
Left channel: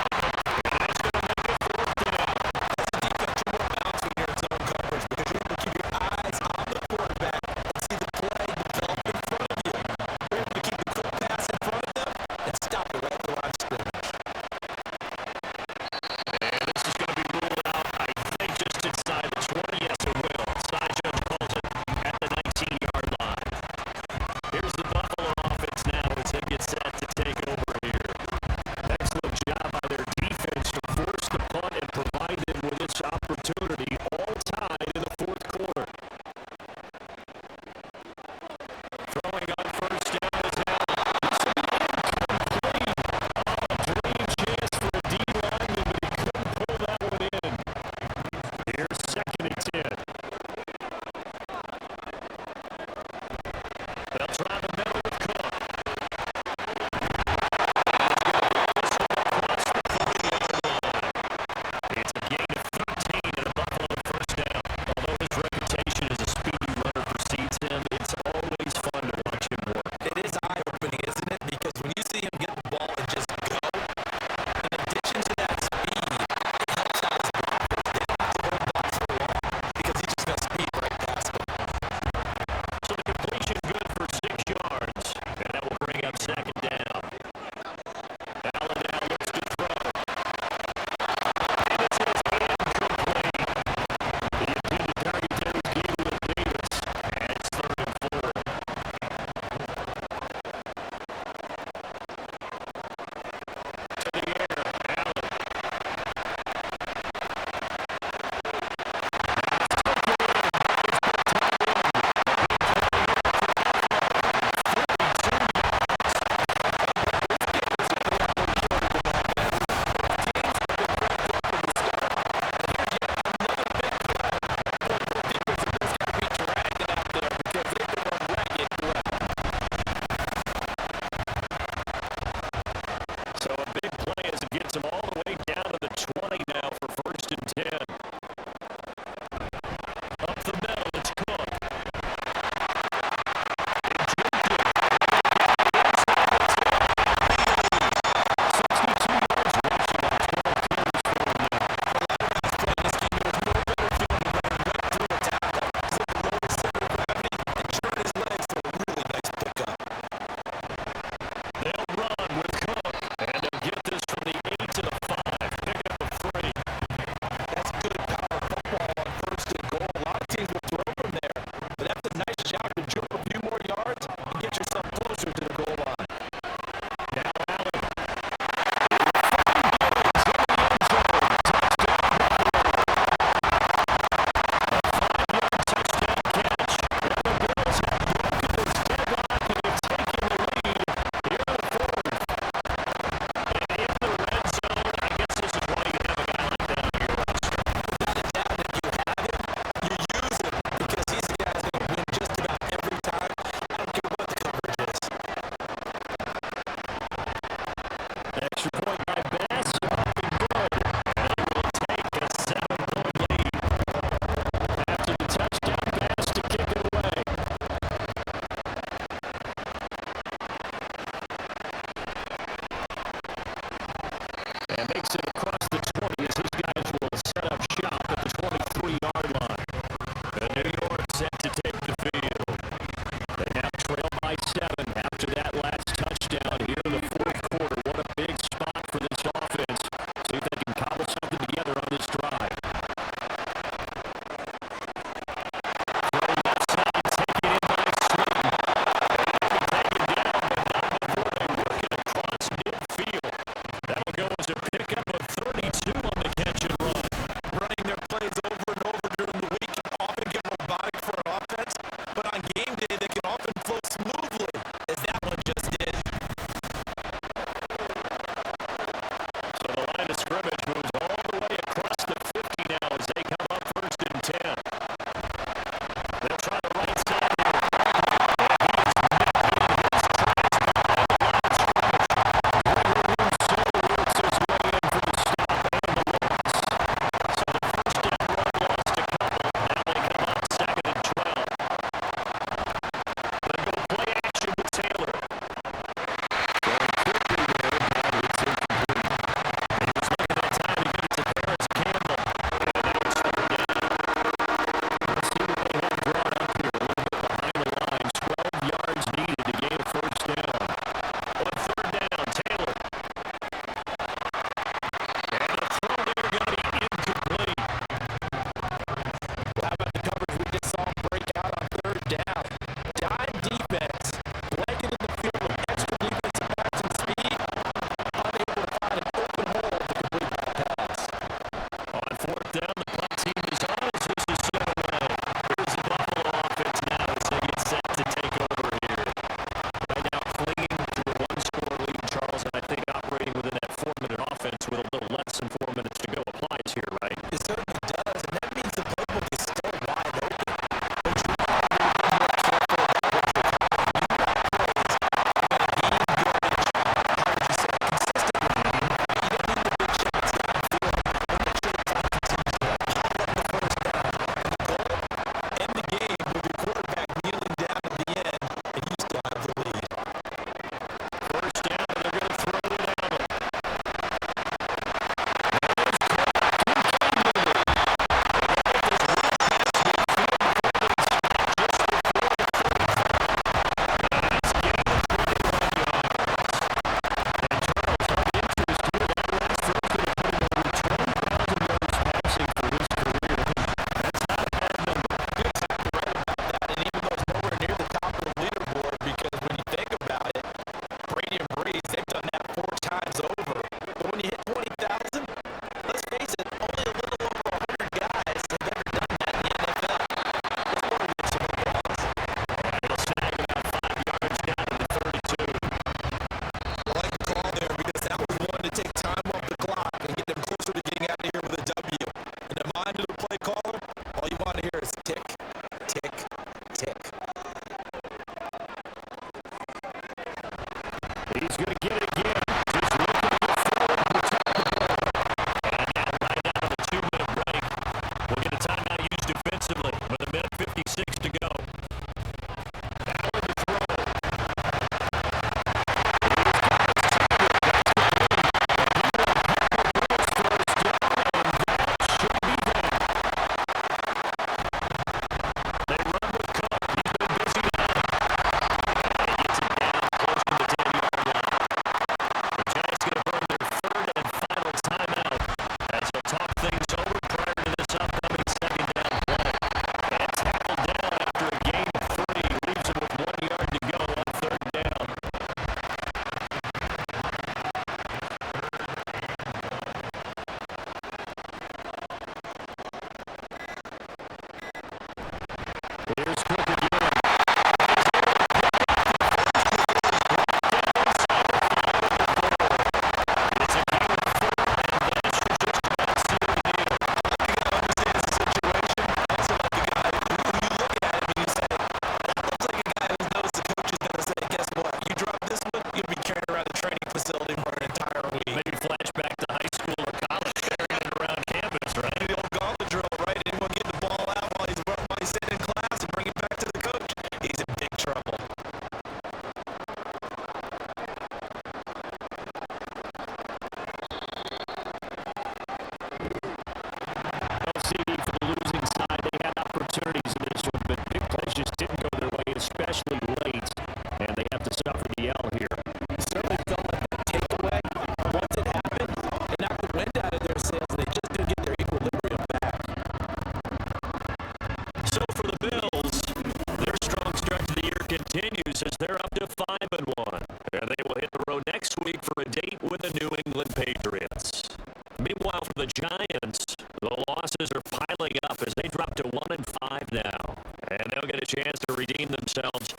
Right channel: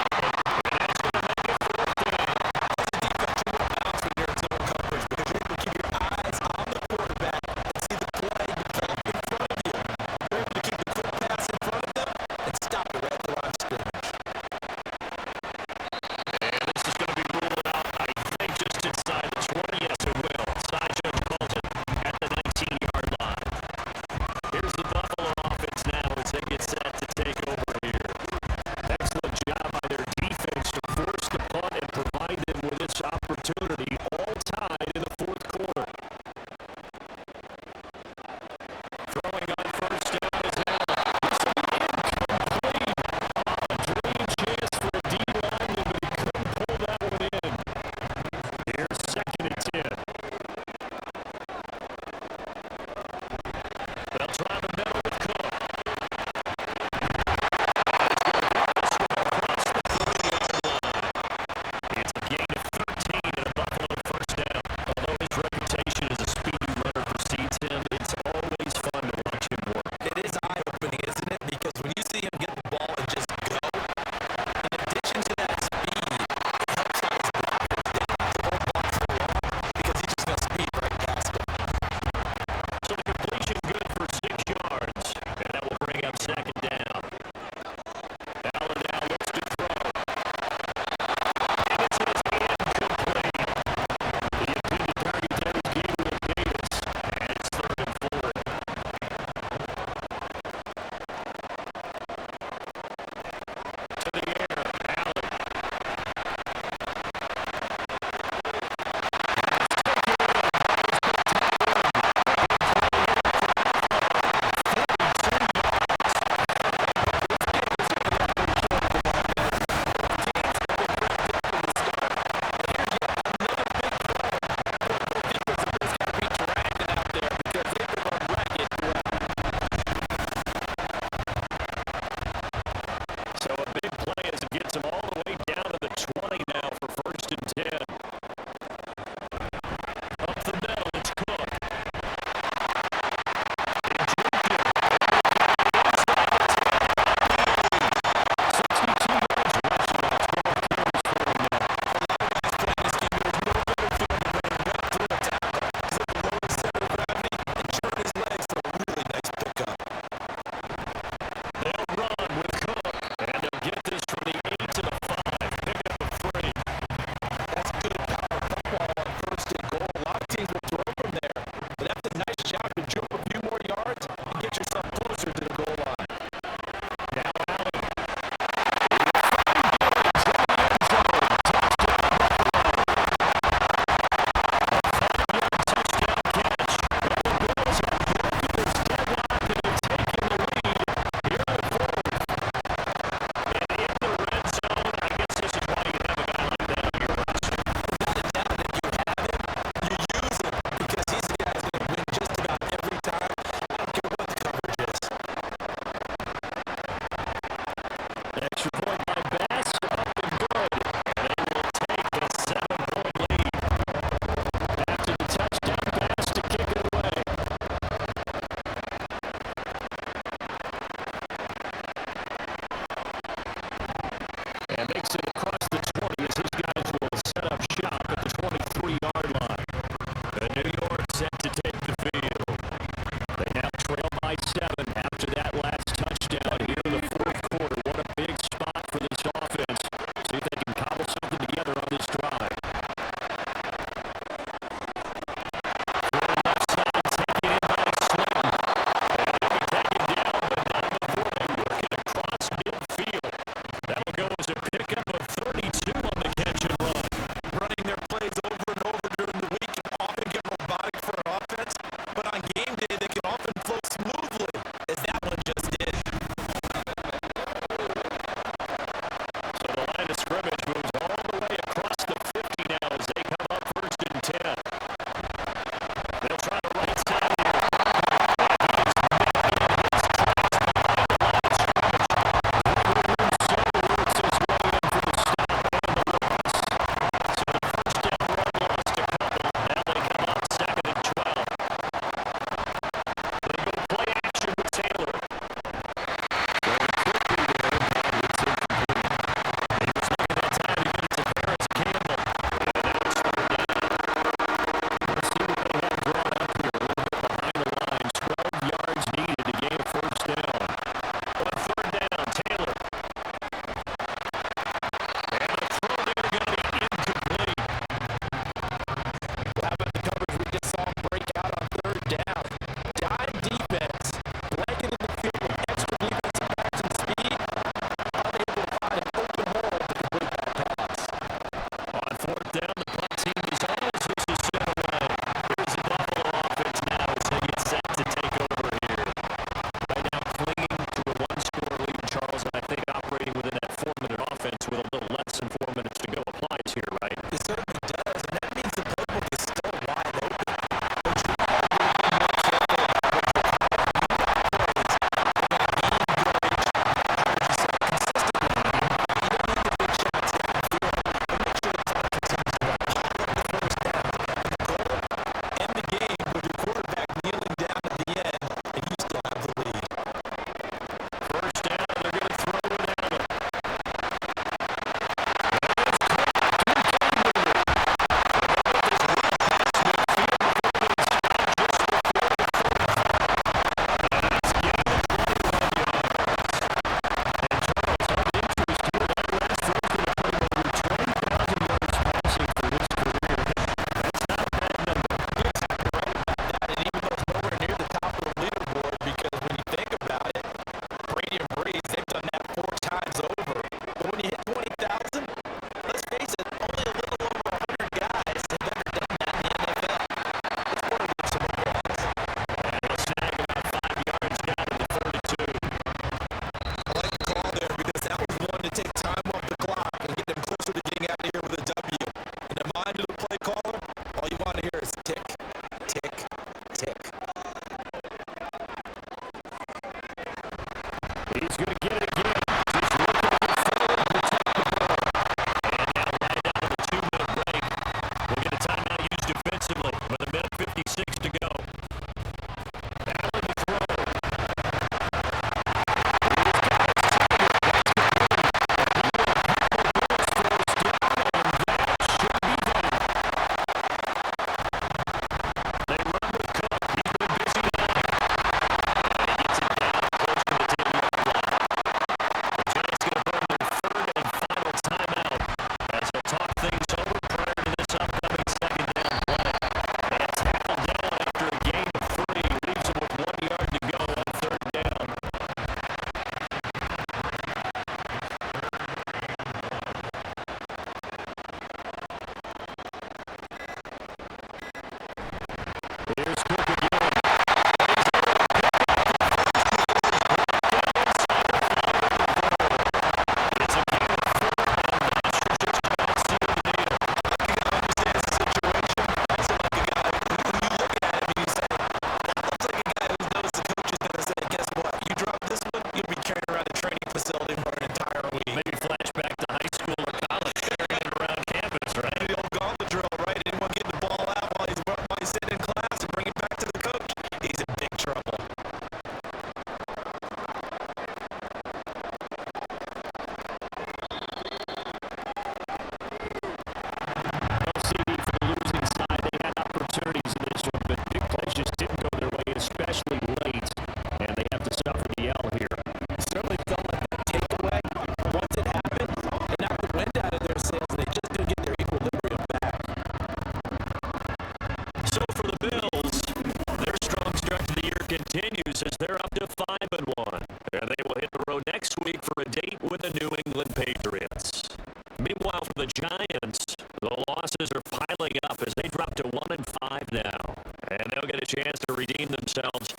up to 1-5 now. And they'll get a chance to redeem themselves